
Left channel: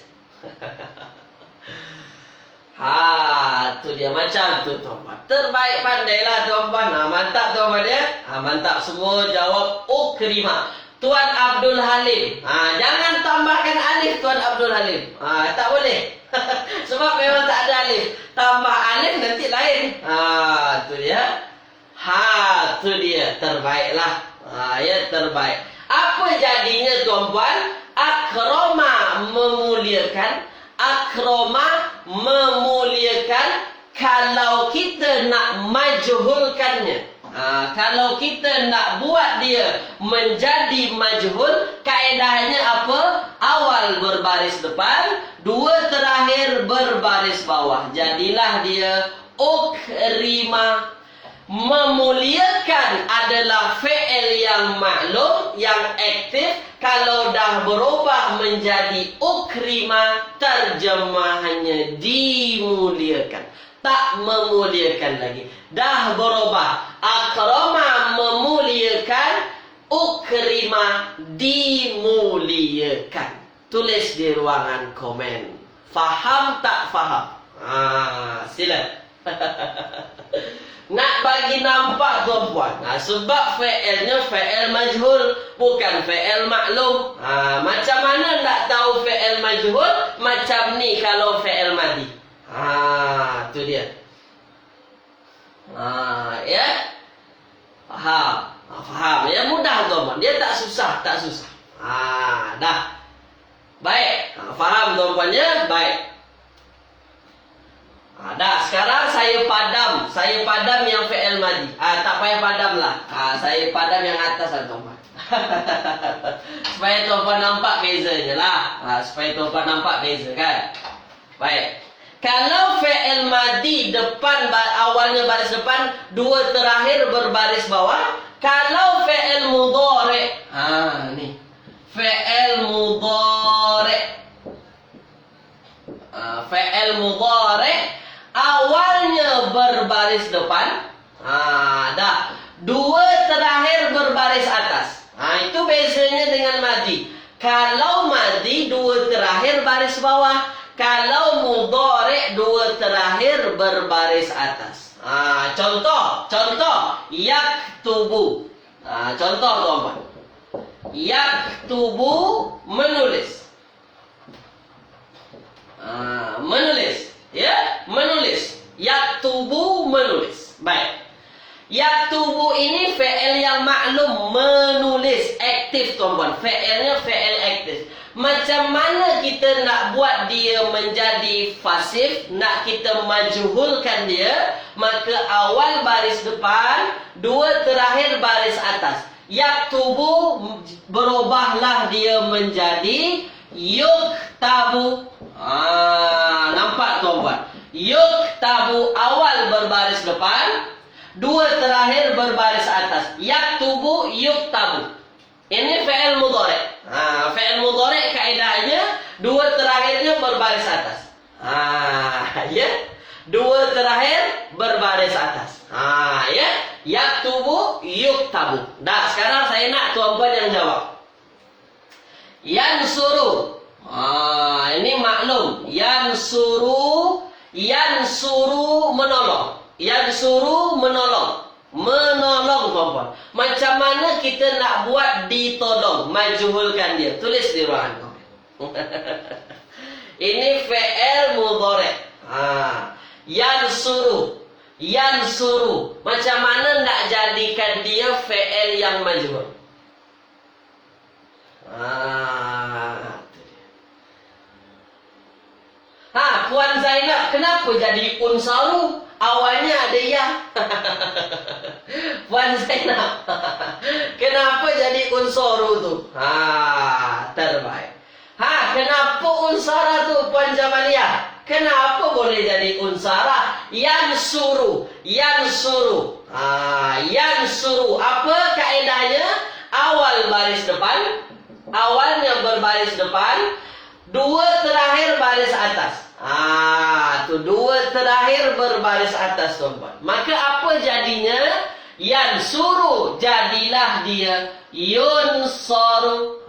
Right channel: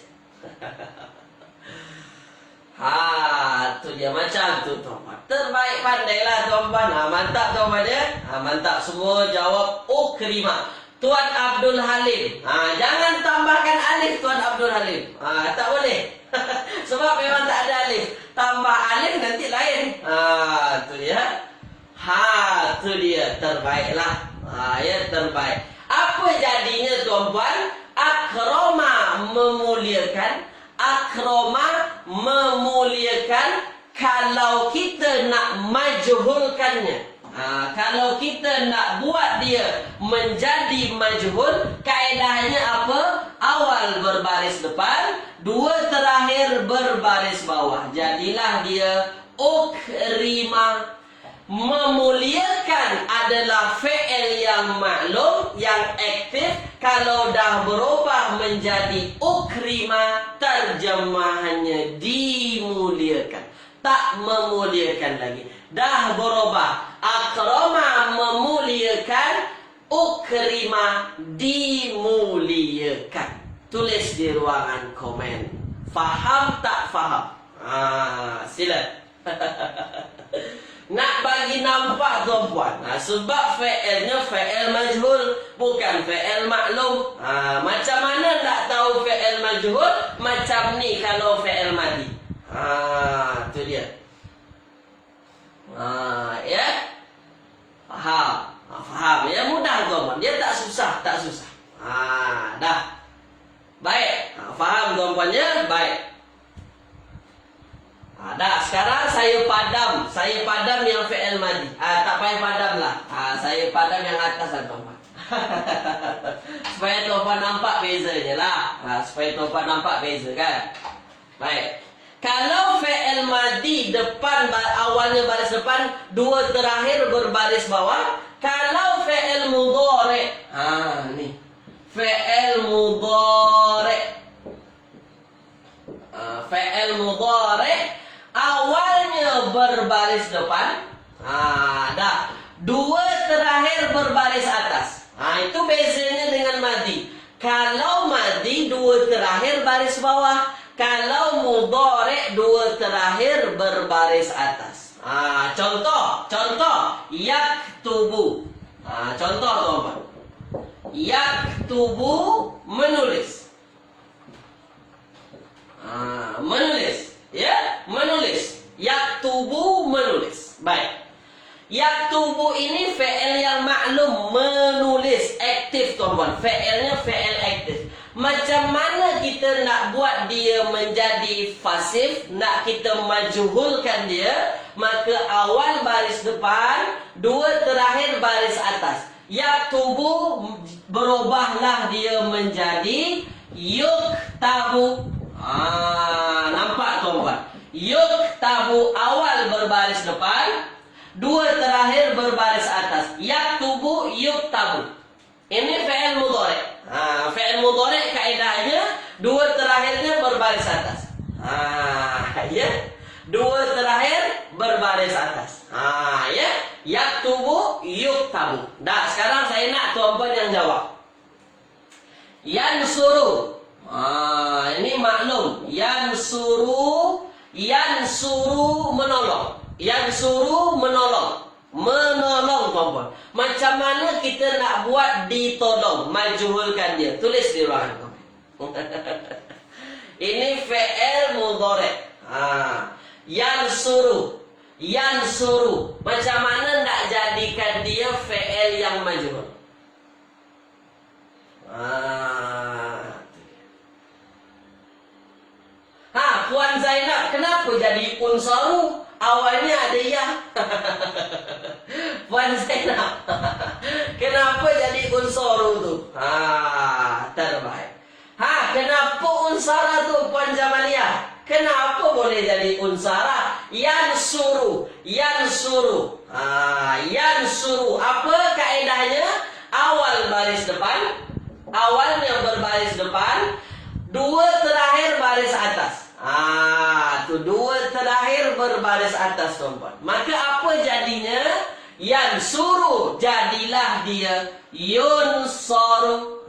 Tu dia macam tu, tuan-puan. Terbaik, pandailah, tuan-puan. Mantap, tuan-puan dia. Mantap, semua jawab ukrima. Tuan Abdul Halim. Jangan tambahkan alif, Tuan Abdul Halim. Tak boleh. Sebab memang tak ada alif. Tambah alif nanti lain. Tu dia. Tu dia. Terbaiklah. Ya, terbaik. Apa jadinya, tuan-puan? Akroma, memuliakan. Akroma, memuliakan. Kalau kita nak majhulkannya, kalau kita nak buat dia menjadi majhul, kaedahnya apa? Awal berbaris depan, dua terakhir berbaris bawah. Jadilah dia ukrima. Memuliakan adalah fi'il yang maklum, yang aktif. Kalau dah berubah menjadi ukrima, terjemahannya dimuliakan. Tak memuliakan lagi. Dah berubah. Akrama, memuliakan. Ukrima, dimuliakan. Tulis di ruangan komen. Faham tak faham? Sila. Nak bagi nampak tuan-puan. Sebab fi'ilnya fi'il majhul, bukan fi'il maklum. Macam mana nak tahu fi'il majhul? Macam ni kalau fi'il madi. Tu dia. Ya. Faham. Faham. Ya, mudah tuan-puan. Dia tak susah, tak susah. Dah. Baik. Faham tuan-puannya? Baik. Dah, sekarang saya padam. Saya padam yang fi'il madi. Tak payah padam lah. Saya padam yang atas lah tuan-puan. Supaya tuan-puan nampak bezanya lah. Supaya tuan-puan nampak beza kan. Baik. Kalau fi'il madi depan, awalnya baris depan, dua terakhir berbaris bawah. Kalau fi'il mudhari', ni. Fi'il mudhari'. Fi'il mudhari' awalnya berbaris depan. Dah. Dua terakhir berbaris atas. Itu bezanya dengan madi. Kalau madi dua terakhir baris bawah. Kalau mudhari' dua terakhir berbaris atas. Contoh yaktubu. Contoh tuan-tuan. Yaktubu menulis. Menulis. Ya, menulis. Yaktubu menulis. Baik. Yaktubu ini fi'il yang maklum, menulis, aktif tuan-tuan. Fi'ilnya fi'il aktif. Macam mana kita nak buat dia menjadi fasif, nak kita majhulkan dia, maka awal baris depan, dua terakhir baris atas. Yaktubu berubahlah dia menjadi yuktabu. Nampak tuan-tuan? Yuktabu awal berbaris depan, dua terakhir berbaris atas. Yaktubu, yuktabu. Ini fi'il mudhari'. Fi'il mudhari' kaedahnya dua terakhirnya berbaris atas. Ya. Dua terakhir berbaris atas. Ya. Yaktubu, yuktabu. Dah, sekarang saya nak tuan-puan yang jawab. Yansuru. Ini maklum. Yansuru menolong. Yansuru menolong. Menolong tuan-puan. Macam mana kita nak buat ditolong, majhulkan dia? Tulis di ruangan komen. Ini fi'il mudhari'. Yansuru. Macam mana nak jadikan dia fi'il yang majhul? Puan Zainab, kenapa jadi unsaru? Awalnya ada ya. Puan Zainab, kenapa jadi unsaru tu? Terbaik. Kenapa unsara tu Puan Jamalia? Kenapa boleh jadi unsara? Yansuru. Yansuru. Apa kaedahnya? Awal baris depan. Awalnya berbaris depan. Dua terakhir baris atas. Dua terakhir berbaris atas tuan-tuan. Maka apa jadinya? Yansuru. Jadilah dia yunsaru.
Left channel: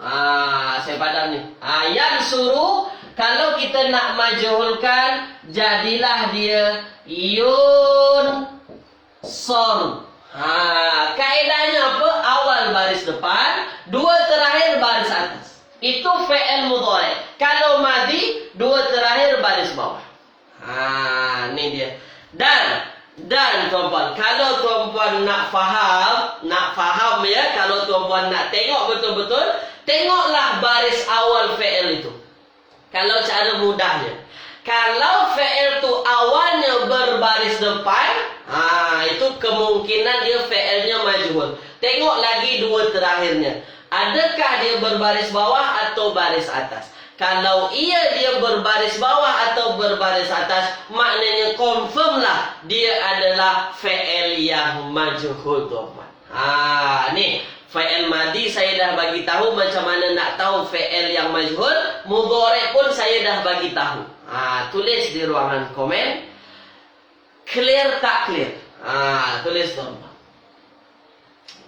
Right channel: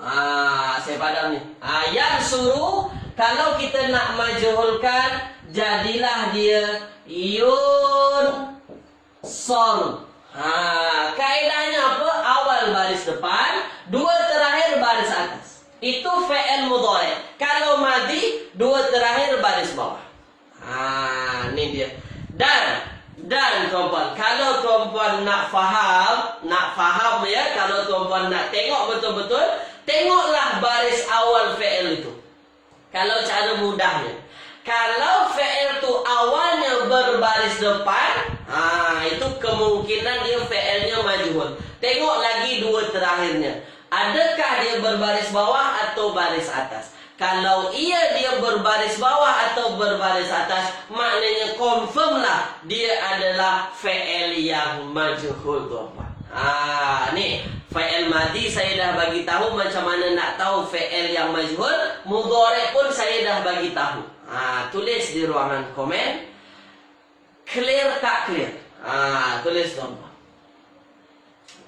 Saya padam ni. Yansuru. Kalau kita nak majhulkan, jadilah dia yunsaru. Kaedahnya apa? Awal baris depan, dua terakhir baris atas. Itu fi'il mudhari'. Kalau madi, dua terakhir baris bawah. Ini dia. Dan tuan-puan, kalau tuan-puan nak faham ya, kalau tuan-puan nak tengok betul-betul, tengoklah baris awal fi'il itu. Kalau cara mudahnya. Kalau fi'il tu awalnya berbaris depan, itu kemungkinan dia fi'ilnya majhul. Tengok lagi dua terakhirnya. Adakah dia berbaris bawah atau baris atas? Kalau dia berbaris bawah atau berbaris atas, maknanya confirm lah dia adalah fi'il yang majhul tuan-tuan. Ni fi'il madi saya dah bagi tahu macam mana nak tahu fi'il yang majhul. Mudhari' pun saya dah bagi tahu. Tulis di ruangan komen. Clear tak clear? Tulis tuan-tuan.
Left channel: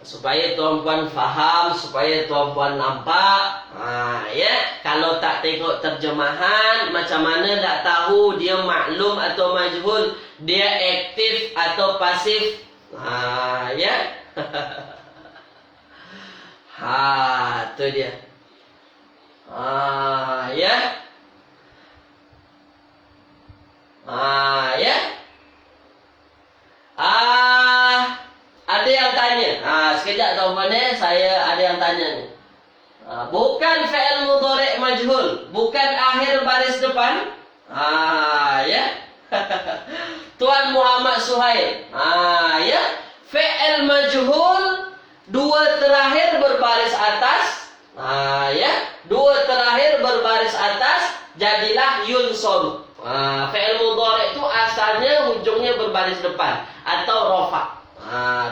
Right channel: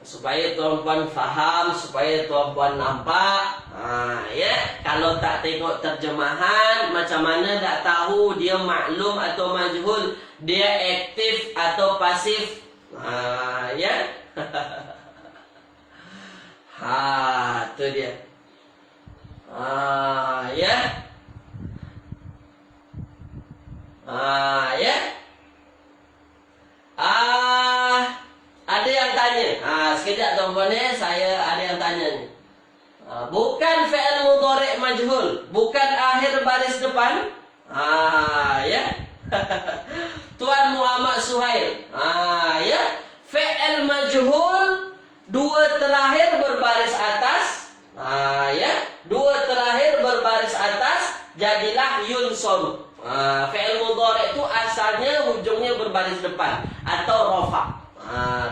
Supaya tuan-puan faham, supaya tuan-puan nampak. Ya, kalau tak tengok terjemahan, macam mana nak tahu dia maklum atau majhul, dia aktif atau pasif? Ya. Tu dia. Ya. Ya. Ada yang tanya. Sekejap tuan-tuan saya ada yang tanya ni. Bukan fi'il mudhari' majhul, bukan akhir baris depan. Ya. Tuan Muhammad Suhail. Ya. Fi'il majhul, dua terakhir berbaris atas. Ya. Dua terakhir berbaris atas, jadilah yunsab. Fi'il mudhari' itu asalnya hujungnya berbaris depan atau rafa'.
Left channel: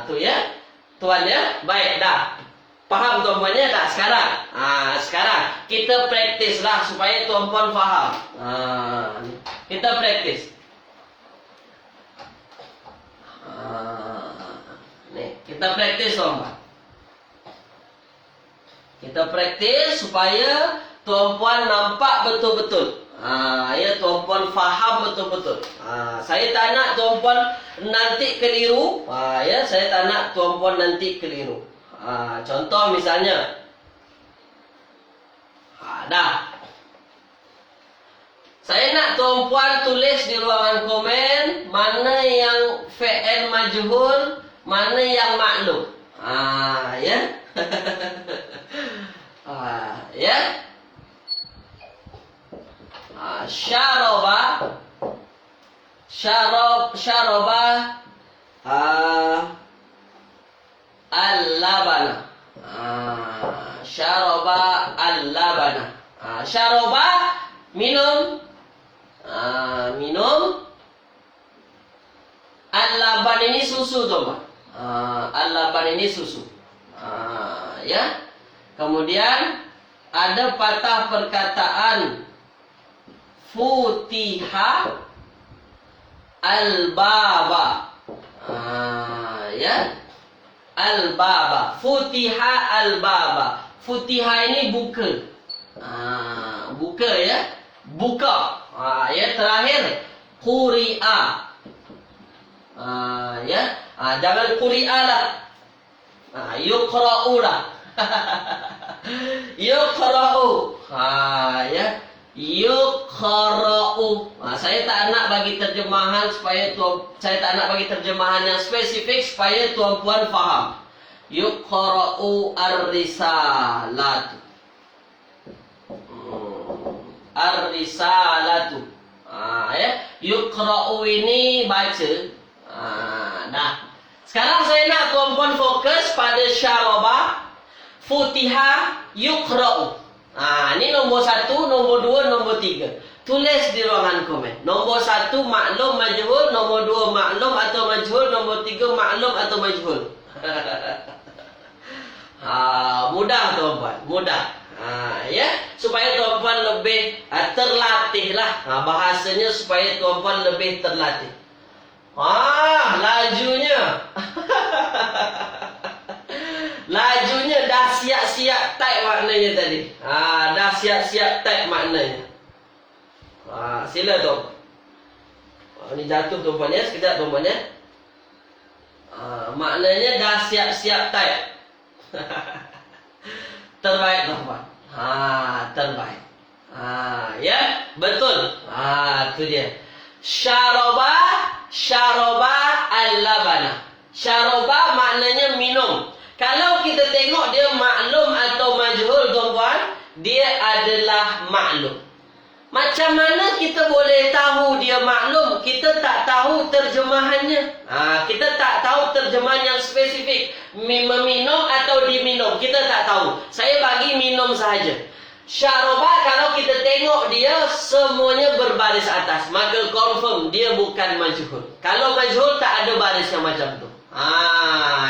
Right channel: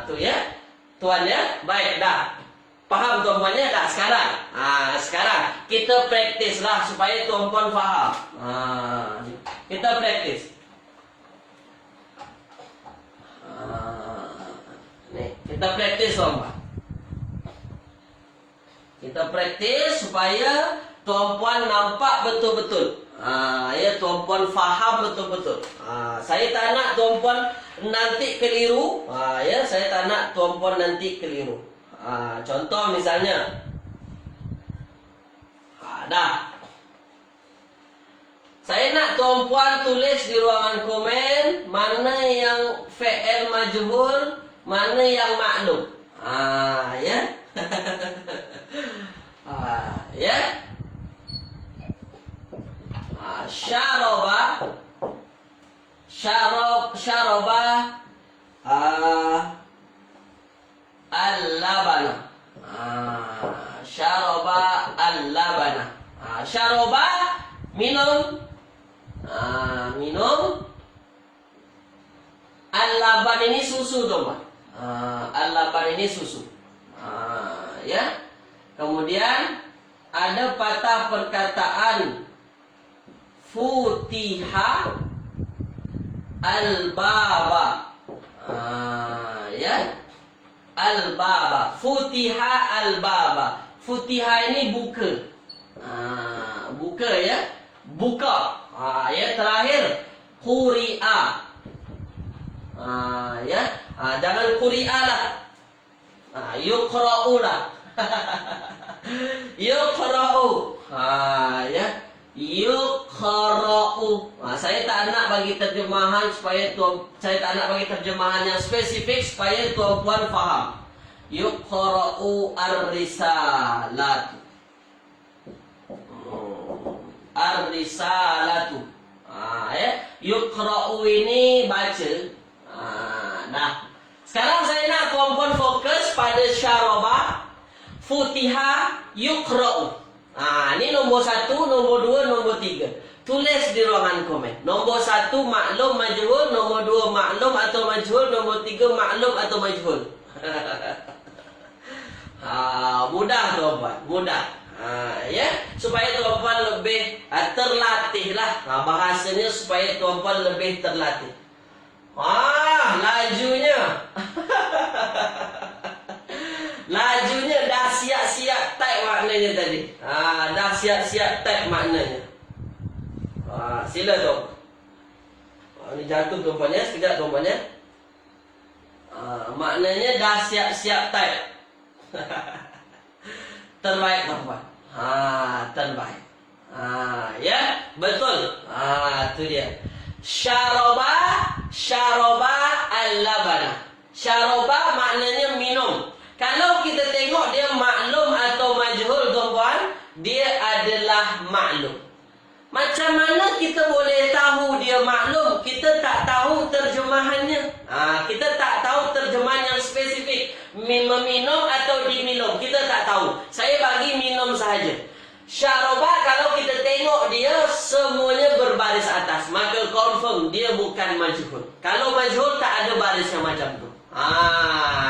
Tu ya. Tuan ya. Baik dah. Faham tuan-puannya tak sekarang? Sekarang kita praktislah supaya tuan-puan faham. Kita praktis. Ni, kita praktis tuan-puan. Kita praktis supaya tuan-puan nampak betul-betul. Ya, tuan-puan faham betul-betul. Saya tak nak tuan-puan nanti keliru. Ya, saya tak nak tuan-puan nanti keliru. Contoh misalnya, dah. Saya nak tuan-puan tulis di ruangan komen mana yang fi'il majhul, mana yang maklum. Ya. Ya. Syaraba. Al-labana. Syaraba al-labana. Syaraba minum. Minum. Al-laban ini susu tuan. Al-laban ini susu. Ya. Kemudian ada patah perkataan futiha al-baba. Ya. Al-baba. Futiha al-baba. Futiha ini buka. Buka ya. Buka. Ya, terakhir quri'a. Ya. Jangan quri'a lah. Yuqra'u lah. Yuqra'u. Ya. Yuqra'u. Saya tak nak bagi terjemahan supaya saya tak nak bagi terjemahan yang spesifik supaya tuan-puan faham. Yuqra'u ar-risalatu. Ar-risalatu. Ya. Yuqra'u ini baca. Nah. Sekarang saya nak tuan-puan fokus pada syaraba, futiha, yuqra'u. Ini nombor 1, nombor 2, nombor 3. Tulis di ruangan komen. Nombor 1 maklum majhul, nombor 2 maklum atau majhul, nombor 3 maklum atau majhul. Mudah tuan-puan, mudah. Ya, supaya tuan-puan lebih terlatih lah. Bahasanya supaya tuan-puan lebih terlatih. Lajunya. Lajunya dah siap-siap type maknanya tadi. Dah siap-siap type maknanya. Sila tuan. Ini jatuh tuan-puan ya. Sekejap tuan-puan ya. Maknanya dah siap-siap type. Terbaik tuan-puan. Terbaik. Ya, betul. Itu dia. Syaraba al-labana. Syaraba maknanya minum. Kalau kita tengok dia maklum atau majhul tuan-puan, dia adalah maklum. Macam mana kita boleh tahu dia maklum? Kita tak tahu terjemahannya. Kita tak tahu terjemahan yang spesifik. Meminum atau diminum, kita tak tahu. Saya bagi minum sahaja. Syaraba kalau kita tengok dia semuanya berbaris atas, maka confirm dia bukan majhul. Kalau majhul tak ada baris yang macam tu.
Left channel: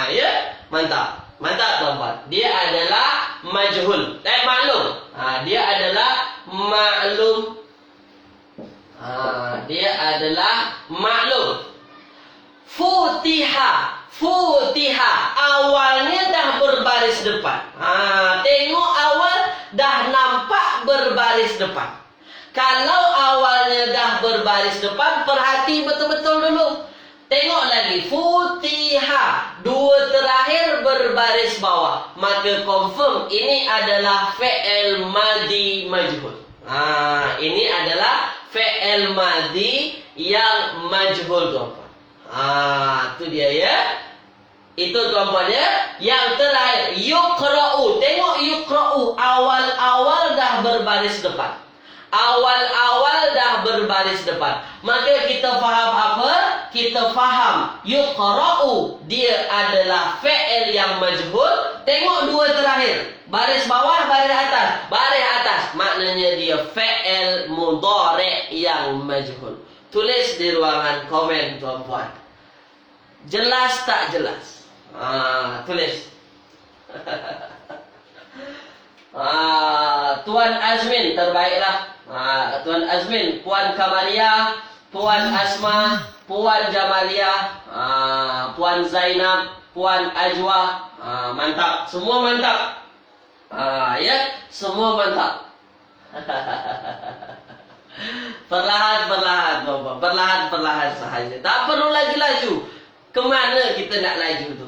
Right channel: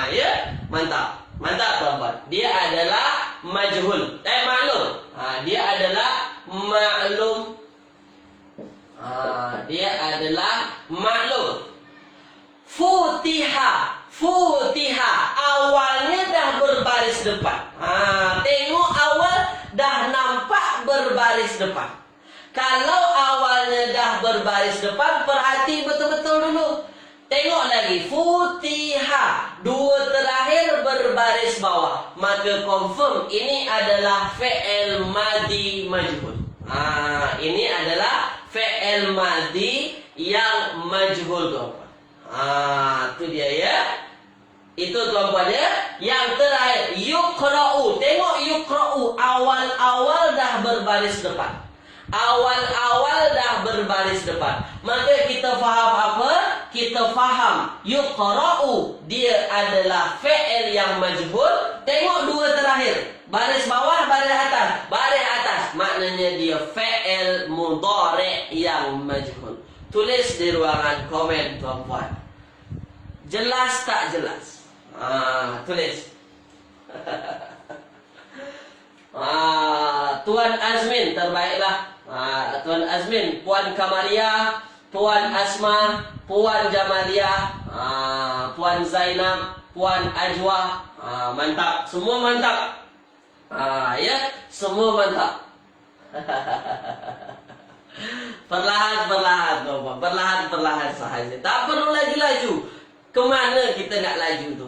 Ya, mantap. Mantap tuan-tuan. Dia adalah majhul. Maklum. Dia adalah maklum. Dia adalah maklum. Futiha. Futiha. Awalnya dah berbaris depan. Tengok awal dah nampak berbaris depan. Kalau awalnya dah berbaris depan, perhati betul-betul dulu. Tengok lagi. Futiha. berbaris bawah, maka confirm ini adalah fi'il madhi majhul. Ini adalah fi'il madhi yang majhul, tuan-tuan. Itu dia ya. Itu tuan-tuan ya. Yang terakhir, yuqra'u. Tengok yuqra'u, awal-awal dah berbaris depan. Awal-awal dah berbaris depan. Maka kita faham apa? Kita faham yuqra'u dia adalah fi'il yang majhul. Tengok dua terakhir, baris bawah, baris atas. Baris atas maknanya dia fi'il mudhari' yang majhul. Tulis di ruangan komen, tuan-puan. Jelas tak jelas? Tulis. Tuan Azmin terbaiklah. Tuan Azmin, Puan Kamalia, Puan Asma, Puan Jamalia, Puan Zainab, Puan Ajwa. Mantap, semua mantap. Ya, semua mantap. Perlahan-perlahan, perlahan-perlahan sahaja. Tak perlu lagi laju. Kemana kita nak laju tu?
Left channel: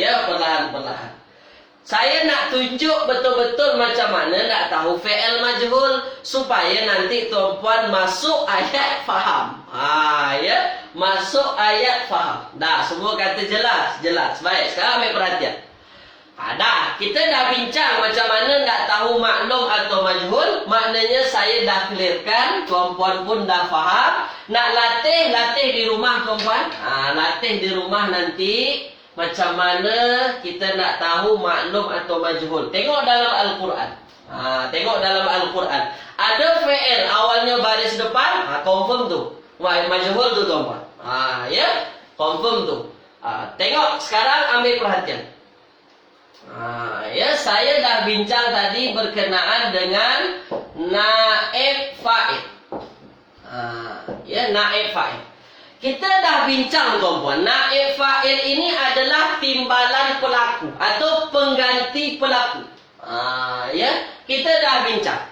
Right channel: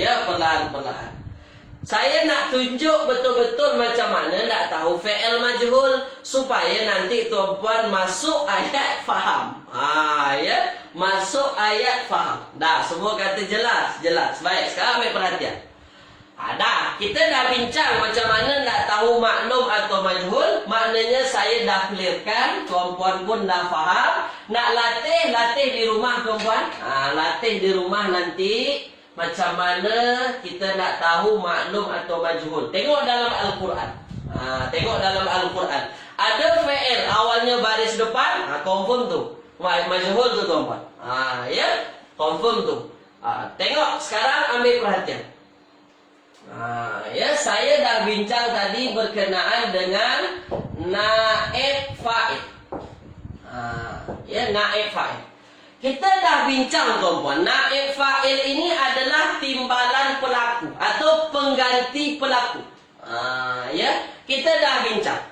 Ya, perlahan-perlahan. Saya nak tunjuk betul-betul macam mana nak tahu fi'il majhul supaya nanti tuan-puan masuk ayat faham. Ya, masuk ayat faham. Dah, semua kata jelas, jelas. Baik, sekarang ambil perhatian. Dah, kita dah bincang macam mana nak tahu maklum atau majhul. Maknanya saya dah clearkan, tuan-puan pun dah faham. Nak latih di rumah, tuan-puan. Latih di rumah nanti. Macam mana kita nak tahu maklum atau majhul. Tengok dalam Al-Quran. Tengok dalam Al-Quran. Ada fi'il awalnya baris depan, confirm tu. Majhul tu, tuan-puan. Ya, confirm tu. Tengok sekarang, ambil perhatian. Ya, saya dah bincang tadi berkenaan dengan naib fa'il. Ya, naib fa'il. Kita dah bincang, tuan-puan. Naib fa'il ini adalah timbalan pelaku atau pengganti pelaku. Ya, kita dah bincang.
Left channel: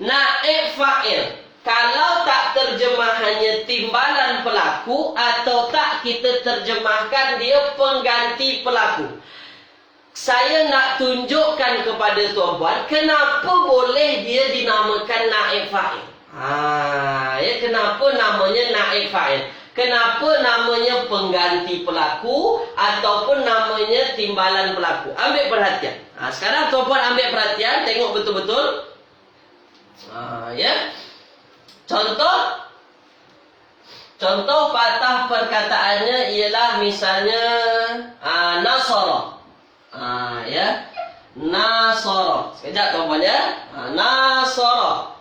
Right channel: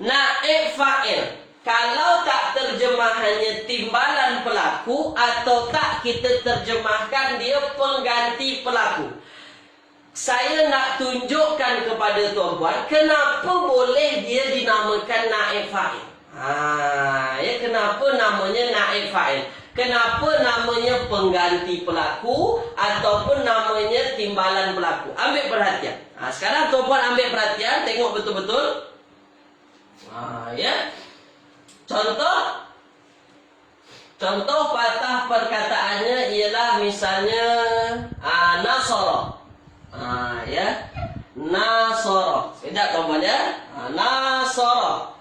Naib fa'il, kalau tak terjemahannya timbalan pelaku atau tak kita terjemahkan dia pengganti pelaku. Saya nak tunjukkan kepada tuan-puan kenapa boleh dia dinamakan naib fa'il. Ya, kenapa namanya naib fa'il? Kenapa namanya pengganti pelaku ataupun namanya timbalan pelaku? Ambil perhatian. Sekarang tuan-puan ambil perhatian, tengok betul-betul. Ya. Contoh patah perkataannya ialah misalnya nasara. Ya. Nasara. Sekejap, tuan-puan ya. Nasara.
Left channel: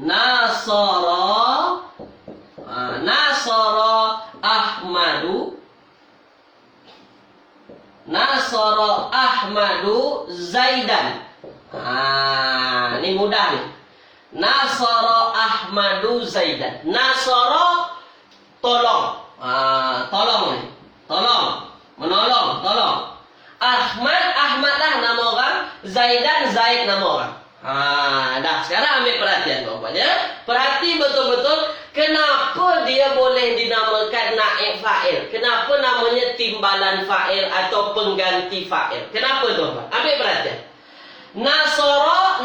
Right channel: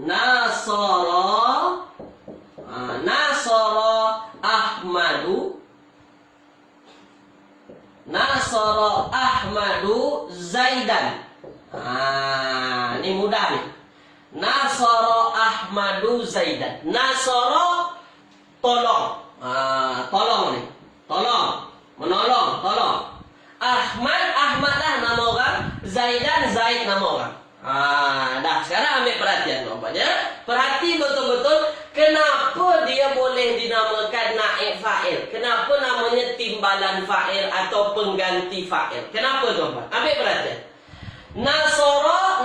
Nasara Ahmadu. Nasara Ahmadu Zaidan. Ini mudah nih. Nasara Ahmadu Zaidan. Nasara tolong. Tolong nih. Tolong. Menolong, tolong. Ahmad lah nama orang. Zaidan, Zaid nama orang. Dah, sekarang ambil perhatian, tuan-tuan ya. Perhati betul-betul kenapa dia boleh dinamakan naib fa'il. Kenapa namanya timbalan fa'il atau pengganti fa'il. Kenapa, tuan-tuan? Ambil perhatian. Nasara.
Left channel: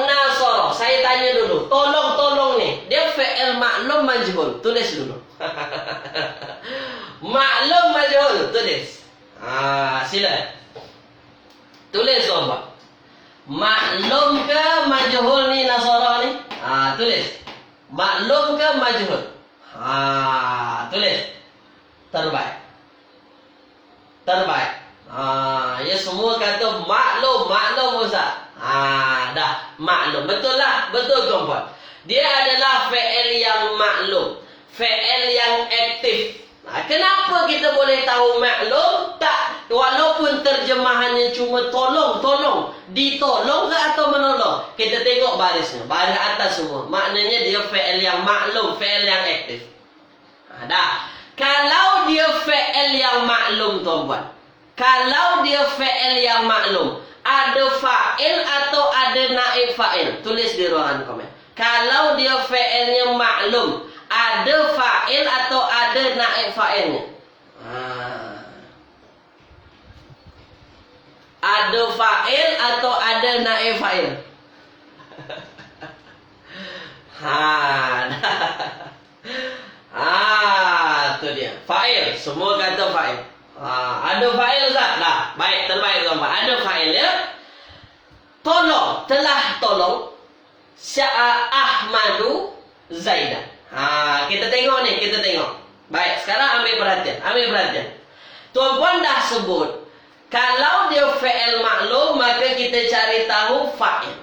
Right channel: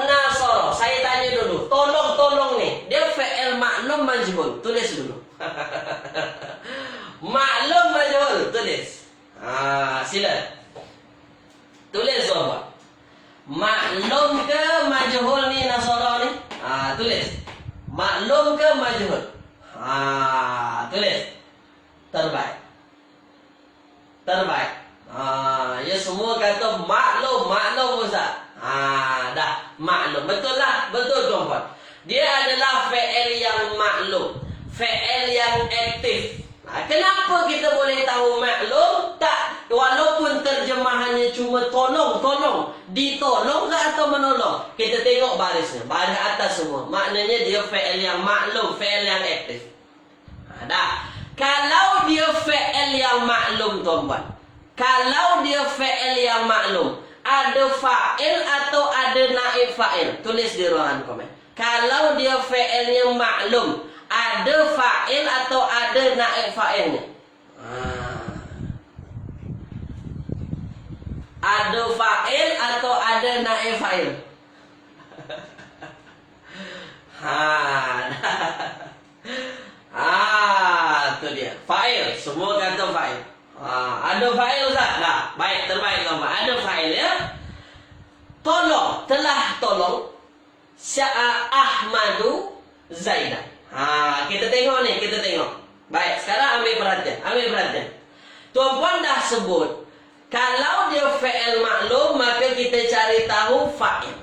Saya tanya dulu. Tolong nih. Dia fi'il maklum majhul. Tulis dulu. Maklum majhul. Tulis. Sila. Tulis, tuan-tuan. Maklum ke majhul ni nasara ni? Tulis. Maklum ke majhul? Tulis. Terbaik. Ya, semua kata maklum Ustaz. Dah, maklum. Betul lah, betul, tuan-puan. Dia adalah fi'il yang maklum, fi'il yang aktif. Kenapa kita boleh tahu maklum? Tak, walaupun terjemahannya cuma tolong, ditolong ke atau menolong? Kita tengok barisnya, baris atas semua. Maknanya dia fi'il yang maklum, fi'il yang aktif. Dah. Kalau dia fi'il yang maklum, tuan-puan. Kalau dia fi'il yang maklum, ada fa'il atau ada naib fa'il? Tulis di ruangan komen. Kalau dia fi'ilnya maklum, ada fa'il atau ada naib fa'ilnya? Ada fa'il atau ada naib fa'il? Itu dia. Fa'il. Semua kata fa'il. Ada fa'il Ustaz? Nah, baik, terbaik tuan-tuan. Ada fa'il ya. Tolong, telah tolong Ahmadu Zaidan. Kita tengok ni, kita tengok. Baik, sekarang ambil perhatian. Tuan-puan dah sebut, kalau dia fi'il maklum, maka kita cari tahu fa'il.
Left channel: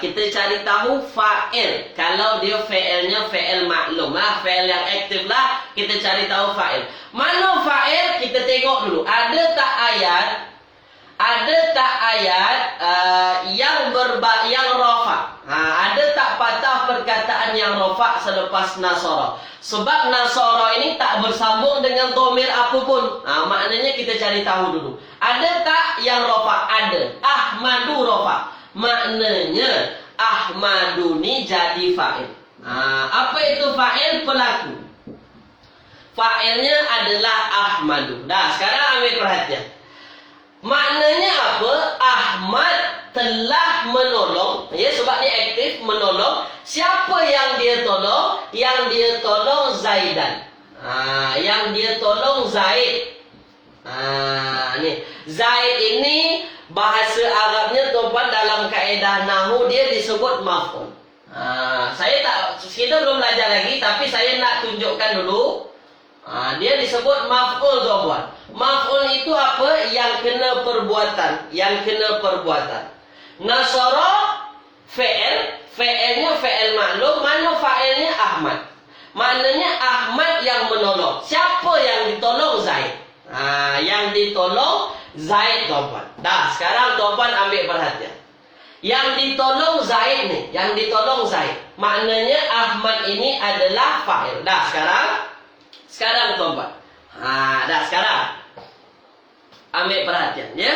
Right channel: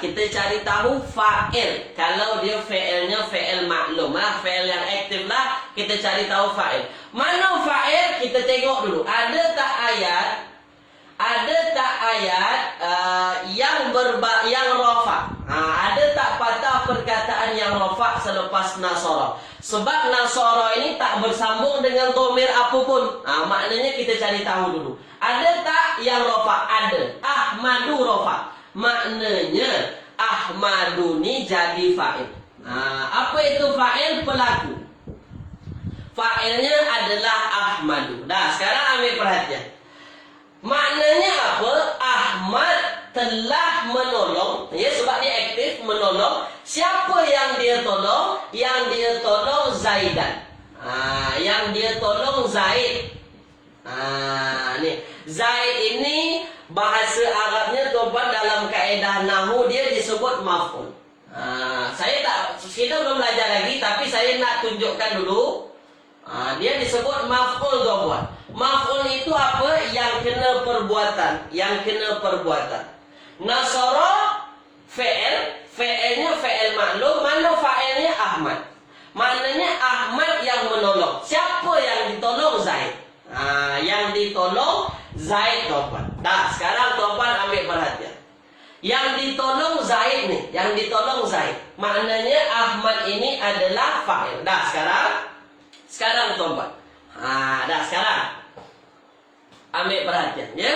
Kita cari tahu fa'il. Kalau dia fi'ilnya fi'il maklum lah, fi'il yang aktif lah, kita cari tahu fa'il. Mana fa'il? Kita tengok dulu. Ada tak ayat yang rafa? Ada tak patah perkataan yang rafa selepas nasara? Sebab nasara ini tak bersambung dengan dhamir apapun. Maknanya kita cari tahu dulu. Ada tak yang rafa? Ada. Ahmadu rafa. Maknanya Ahmadu ni jadi fa'il. Apa itu fa'il? Pelaku. Fa'ilnya adalah Ahmadu. Dah, sekarang ambil perhatian. Maknanya apa? Ahmad telah menolong. Ya, sebab dia aktif menolong. Siapa yang dia tolong? Yang dia tolong Zaidan. Yang dia tolong Zaid. Ni Zaid ini bahasa Arabnya tuan-tuan dalam kaedah nahwu dia disebut maf'ul. Kita belum belajar lagi, tapi saya nak tunjukkan dulu. Dia disebut maf'ul tuan-tuan. Maf'ul itu apa? Yang kena perbuatan. Nasara fi'il, fi'ilnya fi'il maklum. Mana fa'ilnya? Ahmad. Maknanya Ahmad yang menolong. Siapa yang ditolong? Zaid. Yang ditolong Zaid tuan-tuan. Dah, sekarang tuan-tuan ambil perhatian. Yang ditolong Zaid ni, maknanya Ahmad ini adalah fa'il. Dah, sekarang tuan-tuan. Dah, sekarang ambil perhatian ya.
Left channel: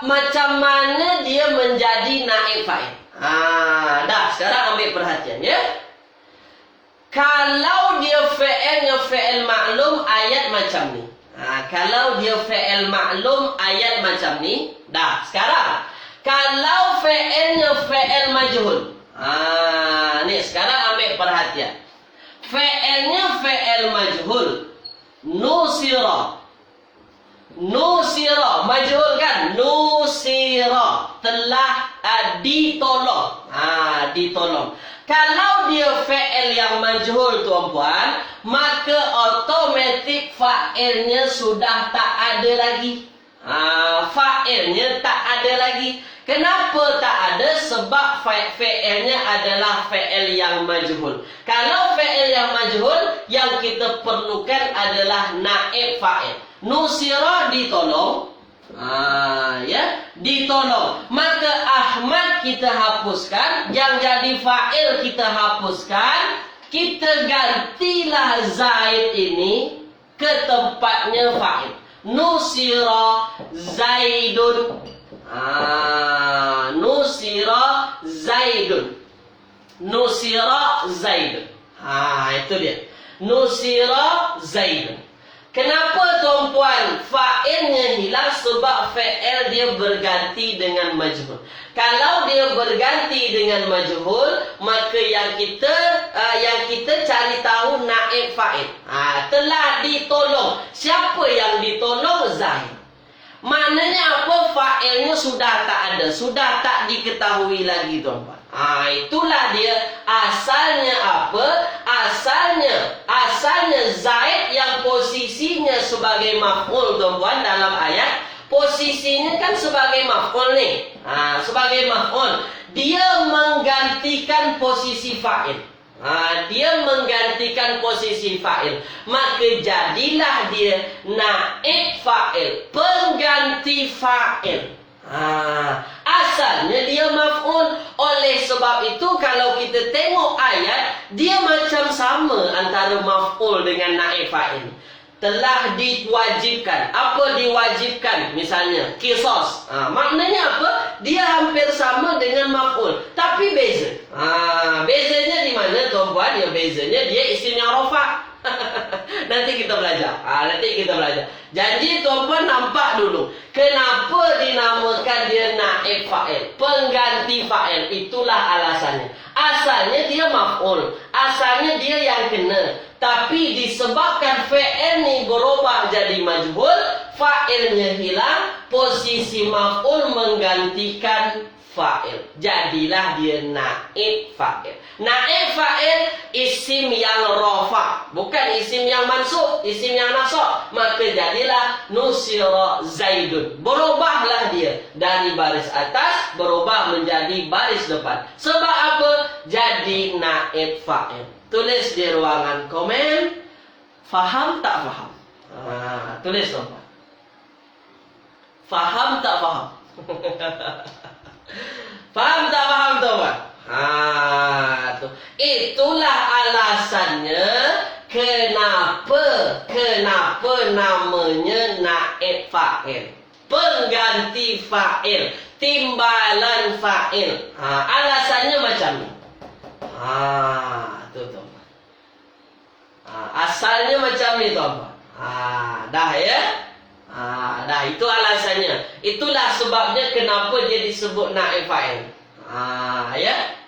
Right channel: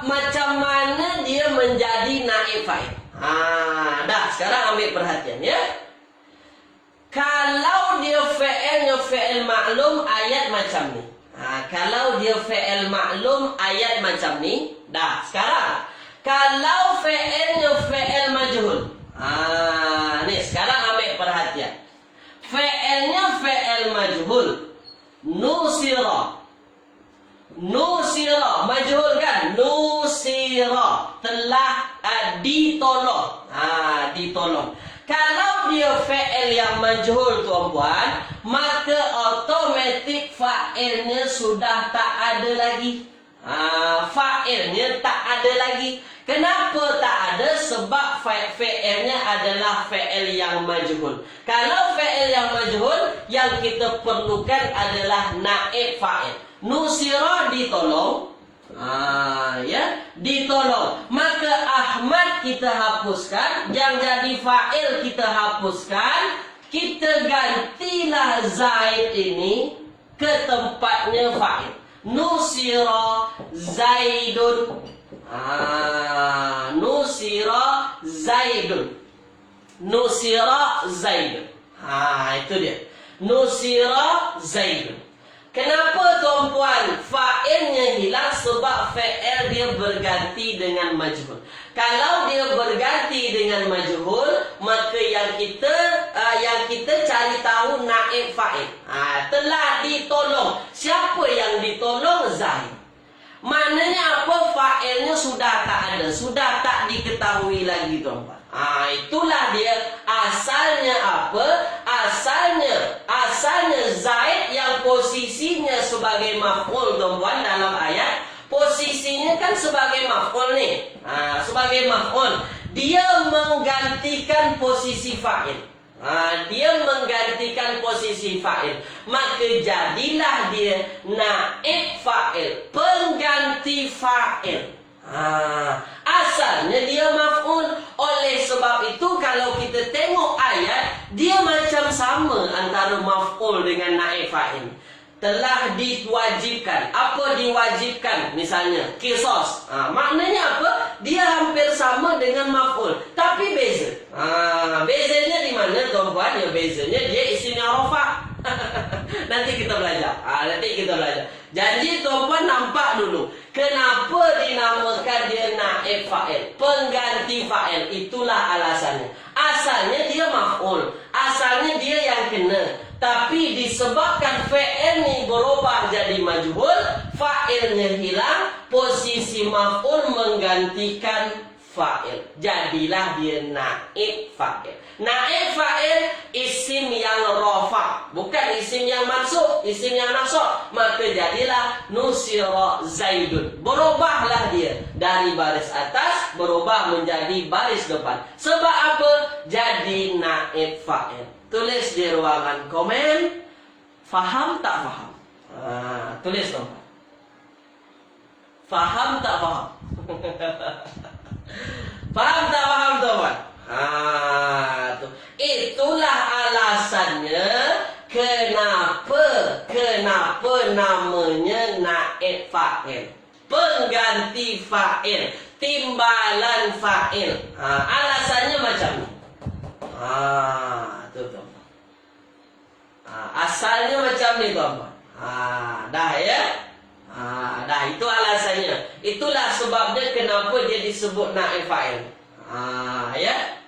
Macam mana dia menjadi naib fa'il? Dah, sekarang ambil perhatian ya. Kalau dia fi'ilnya fi'il maklum, ayat macam ni. Kalau dia fi'il maklum, ayat macam ni. Dah, sekarang kalau fi'ilnya fi'il majhul. Ni sekarang ambil perhatian. Fi'ilnya fi'il majhul. Nusira, majhul kan? Nusira, telah ditolong. Ditolong. Kalau dia fi'il yang majhul tuan-puan, maka automatik fa'ilnya sudah tak ada lagi. Fa'ilnya tak ada lagi. Kenapa tak ada? Sebab fi'ilnya adalah fi'il yang majhul. Kalau fi'il yang majhul, yang kita perlukan adalah naib fa'il. Nusira, ditolong. Ditolong. Maka Ahmad kita hapuskan, yang jadi fa'il kita hapuskan, kita gantilah Zaid ini ke tempatnya fa'il. Nusira Zaidun. Nusira Zaidun. Itu dia. Nusira Zaidun. Kenapa tuan-puan fa'ilnya hilang? Sebab fa'il dia berganti dengan majhul. Kalau dia berganti dengan majhul, maka yang kita cari tahu naib fa'il. Telah ditolong. Siapa yang ditolong? Zaid. Maknanya apa? Fa'ilnya sudah tak ada, sudah tak diketahui lagi tuan-puan. Itulah dia asalnya apa? Asalnya Zaid yang posisinya sebagai maf'ul tuan-puan dalam ayat. Posisinya kan sebagai maf'ul ni. Sebagai maf'ul. Dia menggantikan posisi fa'il. Dia menggantikan posisi fa'il. Maka jadilah dia naib fa'il, pengganti fa'il. Asalnya dia maf'ul. Oleh sebab itu kalau kita tengok ayat, dia macam sama antara maf'ul dengan naib fa'il. Telah diwajibkan. Apa diwajibkan? Misalnya qisas. Maknanya apa? Dia hampir sama dengan maf'ul, tapi beza. Bezanya di mana tuan-puan? Ya, bezanya dia isim yang rafa'. Nanti kita belajar. Nanti kita belajar. Janji tuan-puan nampak dulu. Kenapa dinamakan dia naib fa'il? Pengganti fa'il. Itulah alasannya. Asalnya dia maf'ul. Asalnya dia yang kena. Tapi disebabkan fa'il ni berubah jadi majhul, fa'ilnya hilang, posisi maf'ul menggantikan fa'il. Jadilah dia naib fa'il. Naib fa'il isim yang rafa, bukan isim yang mansub, isim yang nasab. Maka jadilah nusira Zaidun. Berubahlah dia dari baris atas berubah menjadi baris depan. Sebab apa? Jadi naib fa'il. Tulis di ruangan komen. Faham tak faham? Tulis dong. Faham tak faham? Faham tak faham tuan? Tuh. Itulah alasannya kenapa namanya naib fa'il. Pengganti fa'il, timbalan fa'il. Alasannya macam ni. Tuh tuan. Asalnya macam ni tuan. Dah ya? Dah itu alasannya. Itulah sebabnya kenapa dia disebut naib fa'il. Ya.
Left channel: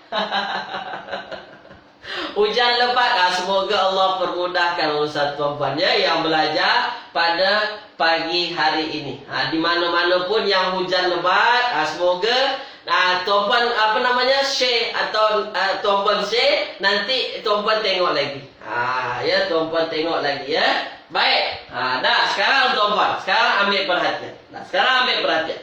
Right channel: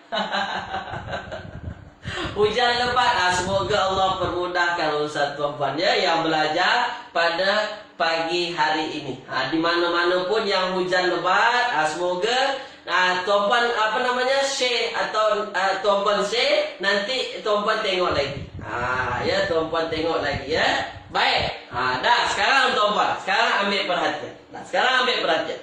Hujan lebat. Semoga Allah permudahkan ustaz tuan-puan ya yang belajar pada pagi hari ini. Di mana-mana pun yang hujan lebat, semoga tuan-puan share atau tuan-puan share, nanti tuan-puan tengok lagi. Ya, tuan-puan tengok lagi ya. Baik. Dah sekarang tuan-puan, sekarang ambil perhatian. Sekarang ambil perhatian.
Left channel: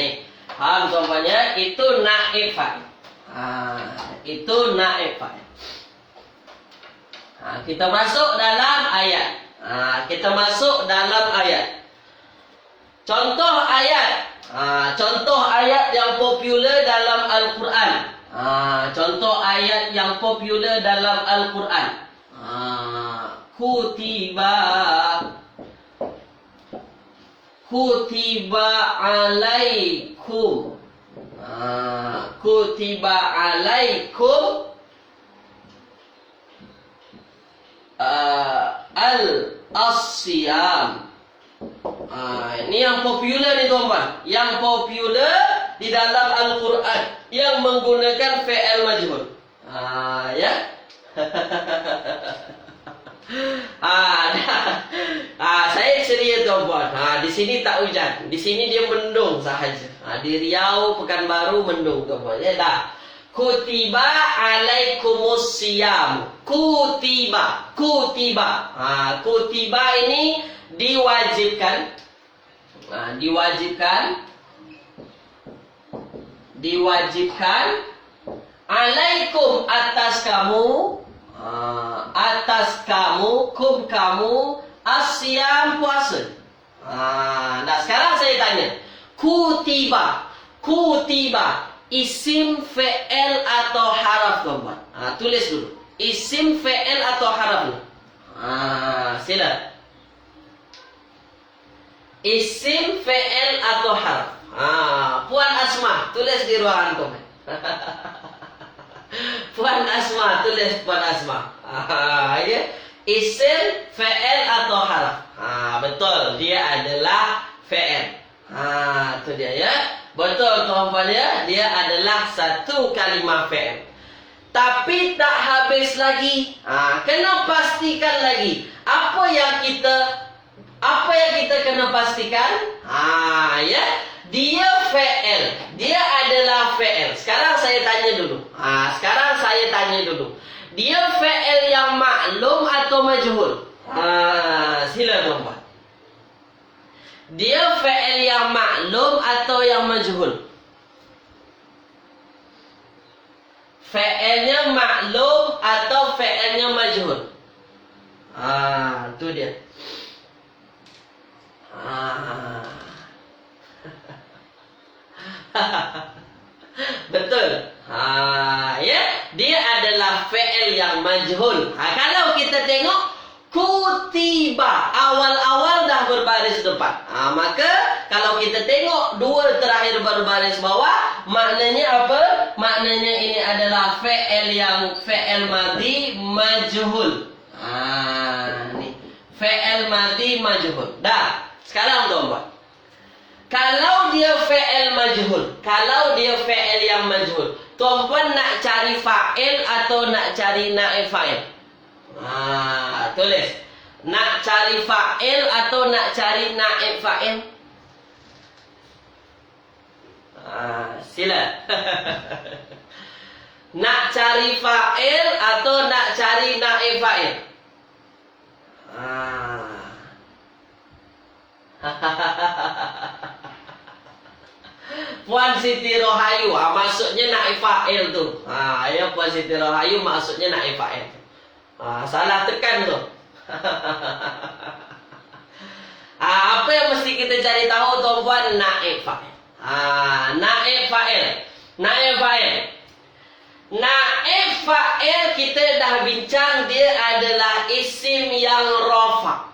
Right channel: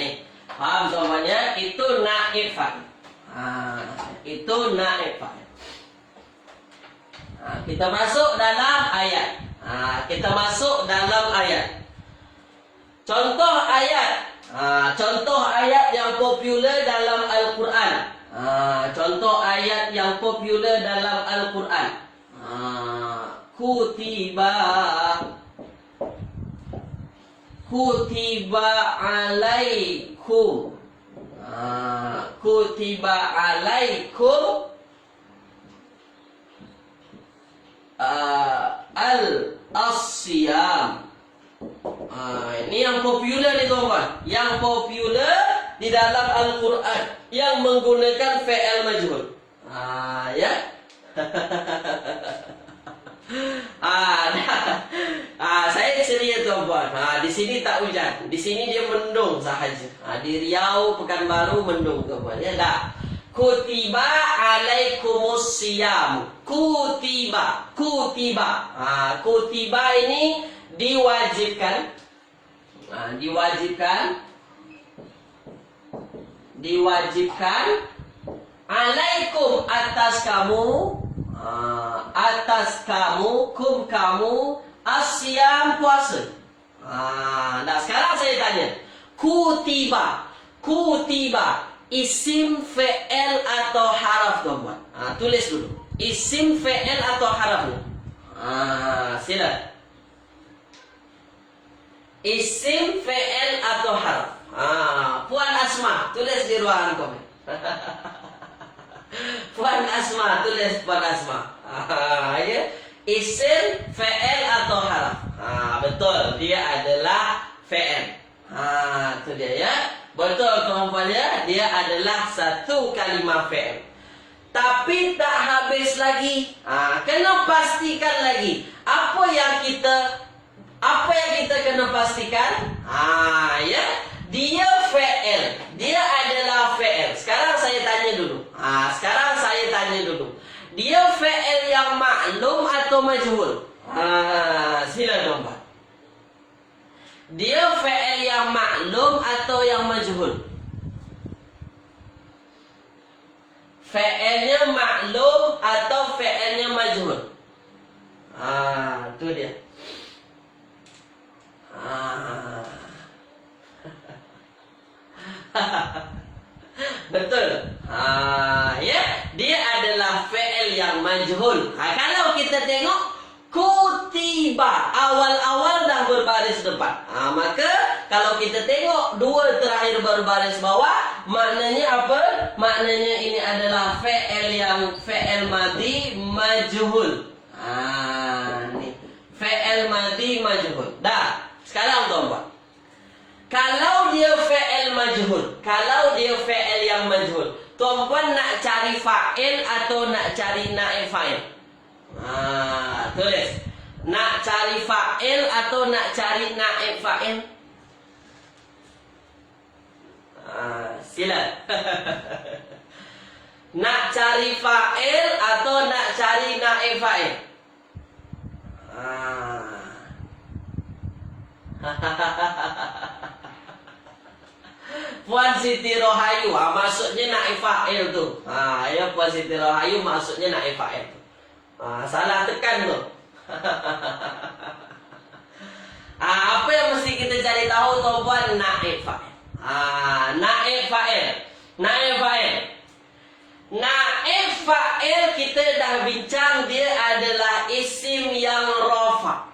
Ni. Faham tuan-puan ya? Itu naib fa'il. Itu naib fa'il. Kita masuk dalam ayat. Kita masuk dalam ayat. Contoh ayat. Contoh ayat yang popular dalam Al-Quran. Contoh ayat yang popular dalam Al-Quran. Kutiba alaikum. Kutiba alaikum al-asyam. Ini yang popular ni tuan-tuan. Yang popular di dalam Al-Quran yang menggunakan fi'il majhul. Ya. Saya ceria tuan-puan. Di sini tak hujan. Di sini dia mendung sahaja. Di Riau, Pekanbaru mendung tuan-puan. Ya dah. Kutiba alaikumus siyam. Kutiba. Kutiba ini diwajibkan. Diwajibkan alaikum atas kamu. Atas kamu, kum kamu, asyam puasa. Nah sekarang saya tanya, kutiba isim fi'il atau haraf tuan-tuan? Tulis dulu, isim fi'il atau haraf ni? Sila. Isim fi'il atau haraf? Puan Asma, tulis di ruangan komen. Puan Asma, tulis Puan Asma. Ya. Isim, fi'il atau haraf? Betul, dia adalah fi'il. Itu dia ya. Betul tuan-tuan ya, dia adalah satu kalimah fi'il. Tapi tak habis lagi. Kena pastikan lagi. Apa yang kita kena pastikan? Ya. Dia fi'il. Dia adalah fi'il. Sekarang saya tanya dulu. Dia fi'il yang maklum atau majhul? Sila tuan-tuan. Dia fi'il yang maklum atau yang majhul? Fi'ilnya maklum atau fi'ilnya majhul? Itu dia. Betul. Ya, dia adalah fi'il yang majhul. Kalau kita tengok kutiba awal-awal dah berbaris depan. Maka Kalau kita tengok dua terakhir berbaris bawah, maknanya apa? Maknanya ini adalah fi'il madhi majhul. Ni. Fi'il madhi majhul. Dah. Sekarang tuan-tuan. Kalau dia fi'il majhul, kalau dia fi'il yang majhul, tuan-puan nak cari fa'il atau nak cari naib fa'il? Tulis. Nak cari fa'il atau nak cari naib fa'il? Sila. Nak cari fa'il atau nak cari naib fa'il? Puan Siti Rohayu, maksudnya naib fa'il tu. Ya, Puan Siti Rohayu maksudnya naib fa'il tu. Salah tekan tu. Apa yang mesti kita cari tahu tuan-puan? Naib fa'il. Naib fa'il. Naib fa'il. Naib fa'il kita dah bincang dia adalah isim yang rafa'.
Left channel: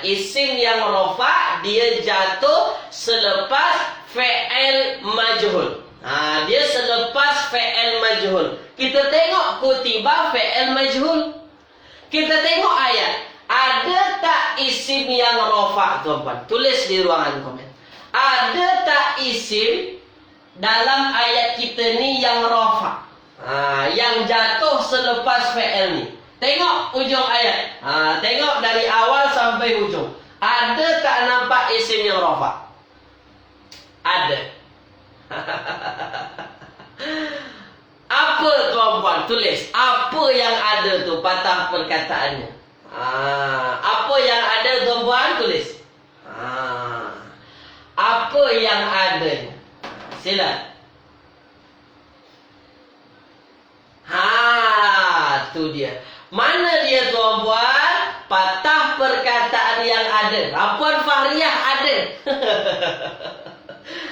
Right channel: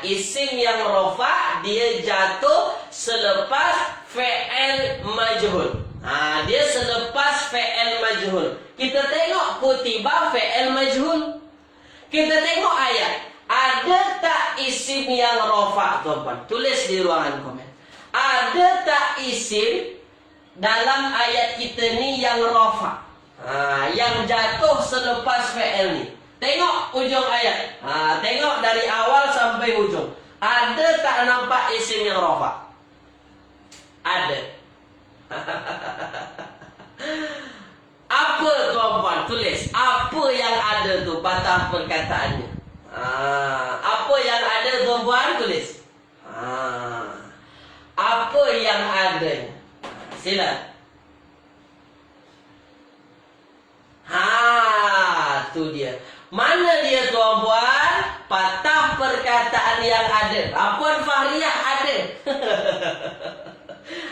Isim yang rafa' dia jatuh selepas fi'il majhul. Dia selepas fi'il majhul. Kita tengok kutiba fi'il majhul. Kita tengok ayat. Ada tak isim yang rafa', tuan-tuan? Tulis di ruangan komen. Ada tak isim dalam ayat kita ni yang rafa'? Yang jatuh selepas fi'il ni. Tengok ujung ayat. Tengok dari awal sampai ujung. Ada tak nampak isim yang rafa'? Ada. Apa tuan-puan? Tulis. Apa yang ada tu patah perkataannya. Apa yang ada tuan-puan? Tulis. Apa yang ada? Sila. Tu dia. Mana dia tuan-puan? Patah perkataan yang ada. Puan Fahriyah ada.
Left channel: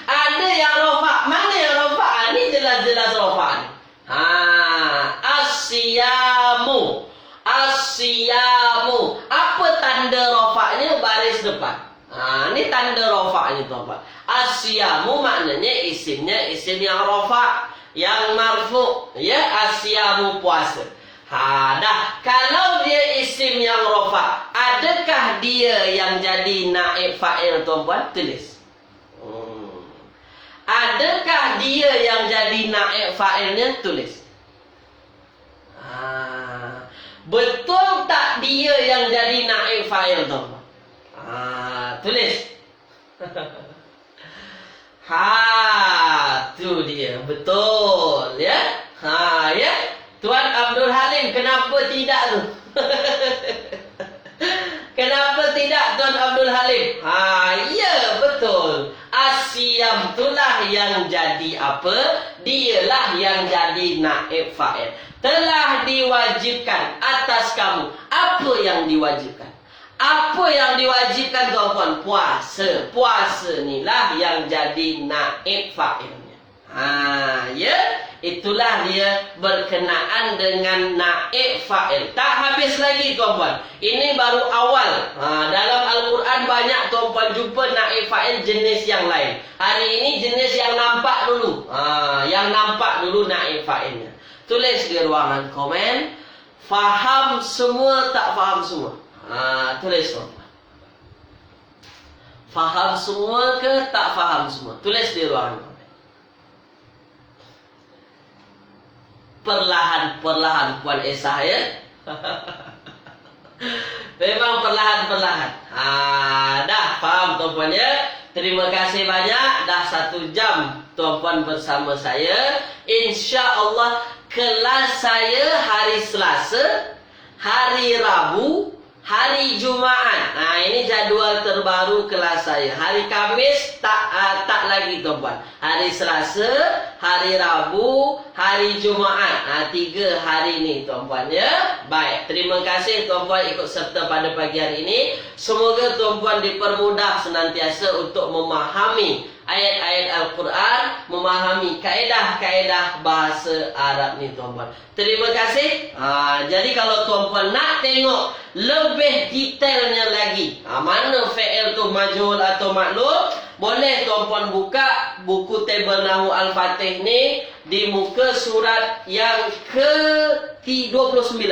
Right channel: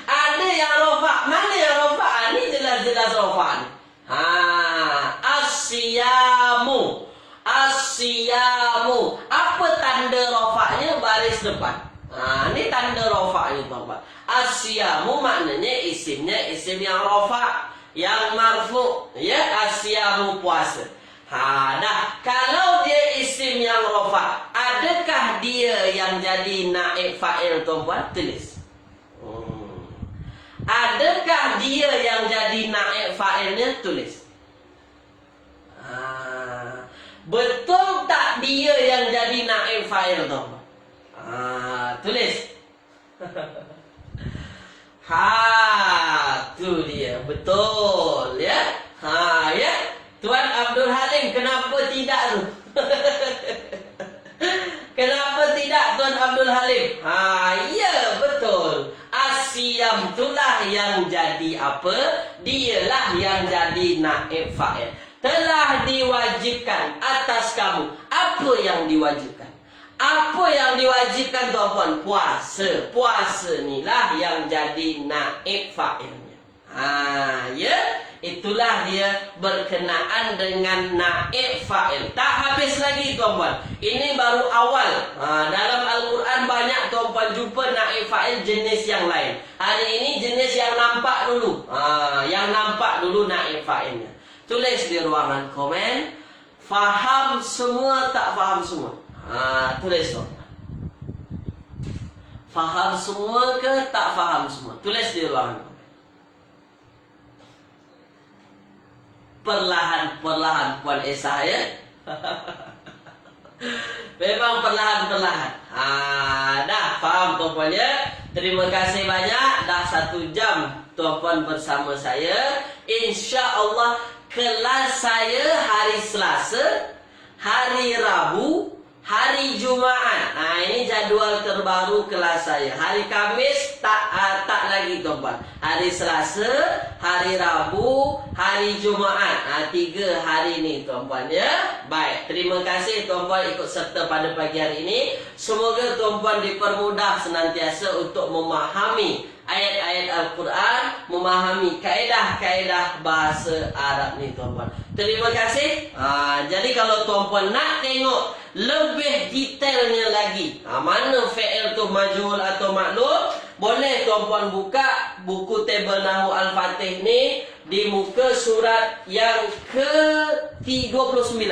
Ada yang rafa'. Mana yang rafa'? Ni jelas-jelas rafa' ni. As-siyamu. As-siyamu. Apa tanda rafa'nya? Baris depan. Ni tanda rafa'nya tuan-tuan. As-siyamu maknanya isimnya isim yang rafa', yang marfu'. Ya, as-siyamu puasa. Dah. Kalau dia isim yang rafa', adakah dia yang jadi naib fa'il tuan-puan? Tulis. Adakah dia yang jadi naib fa'ilnya? Tulis. Betul tak dia yang jadi naib fa'il tuan-puan? Tulis. Tu dia. Betul ya. Ya. Tuan Abdul Halim, kenapa tidak tu? Kenapa tidak Tuan Abdul Halim? Ya, betul. Asyam itulah yang jadi apa? Dialah yang jadi naib fa'il. Telah diwajibkan atas kamu. Apa yang diwajibkan? Apa yang diwajibkan tuan-puan? Puasa. Puasa inilah yang jadi naib fa'ilnya. Ya. Itulah dia berkenaan dengan naib fa'il. Tak habis lagi tuan-puan. Ini baru awal. Dalam Al-Quran banyak tuan-puan jumpa naib fa'il jenis yang lain. Hari ini jenis yang nampak dulu. Yang nampak dulu naib fa'ilnya. Tulis di ruangan komen. Faham semua tak faham semua? Tulis tuan-puan. Faham semua ke tak faham semua? Tulis di ruangan komen. Perlahan-perlahan Puan Esah ya. Memang perlahan-perlahan. Dah faham tuan-puan ya. Terima kasih banyak. Dah 1 jam tuan-puan bersama saya. InsyaAllah kelas saya hari Selasa, hari Rabu, hari Jumaat. Ini jadual terbaru kelas saya. Hari Khamis tak lagi tuan-puan. Hari Selasa, hari Rabu, hari Jumaat. 3 hari ni tuan-puan ya. Baik, terima kasih tuan-puan ikut serta pada pagi hari ini. Semoga tuan-puan dipermudah senantiasa untuk memahami ayat-ayat Al-Quran, memahami kaedah-kaedah bahasa Arab ni tuan-puan. Terima kasih. Jadi kalau tuan-puan nak tengok lebih detailnya lagi, mana fi'il tu majhul atau maklum, Boleh tuan-puan buka buku tabel Nahu Al-Fatih ni di muka surat yang ke-29.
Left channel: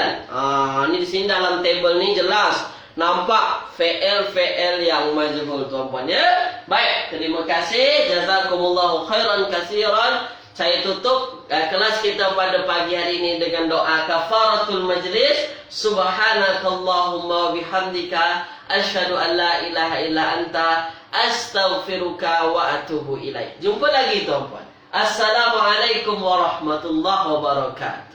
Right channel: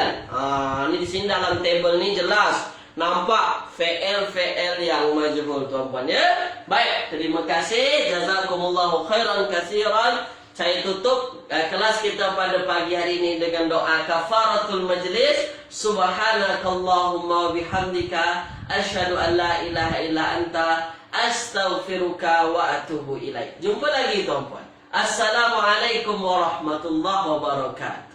Ni di sini dalam tabel ni jelas nampak fi'il yang majhul tuan-puan ya. Baik, terima kasih. Jazakumullahu khairan katsiran. Saya tutup kelas kita pada pagi hari ini dengan doa kafaratul majlis. Subhanakallahumma wa bihamdika asyhadu an la ilaha illa anta astaghfiruka wa atubu ilaik. Jumpa lagi tuan-puan. Assalamualaikum warahmatullahi wabarakatuh.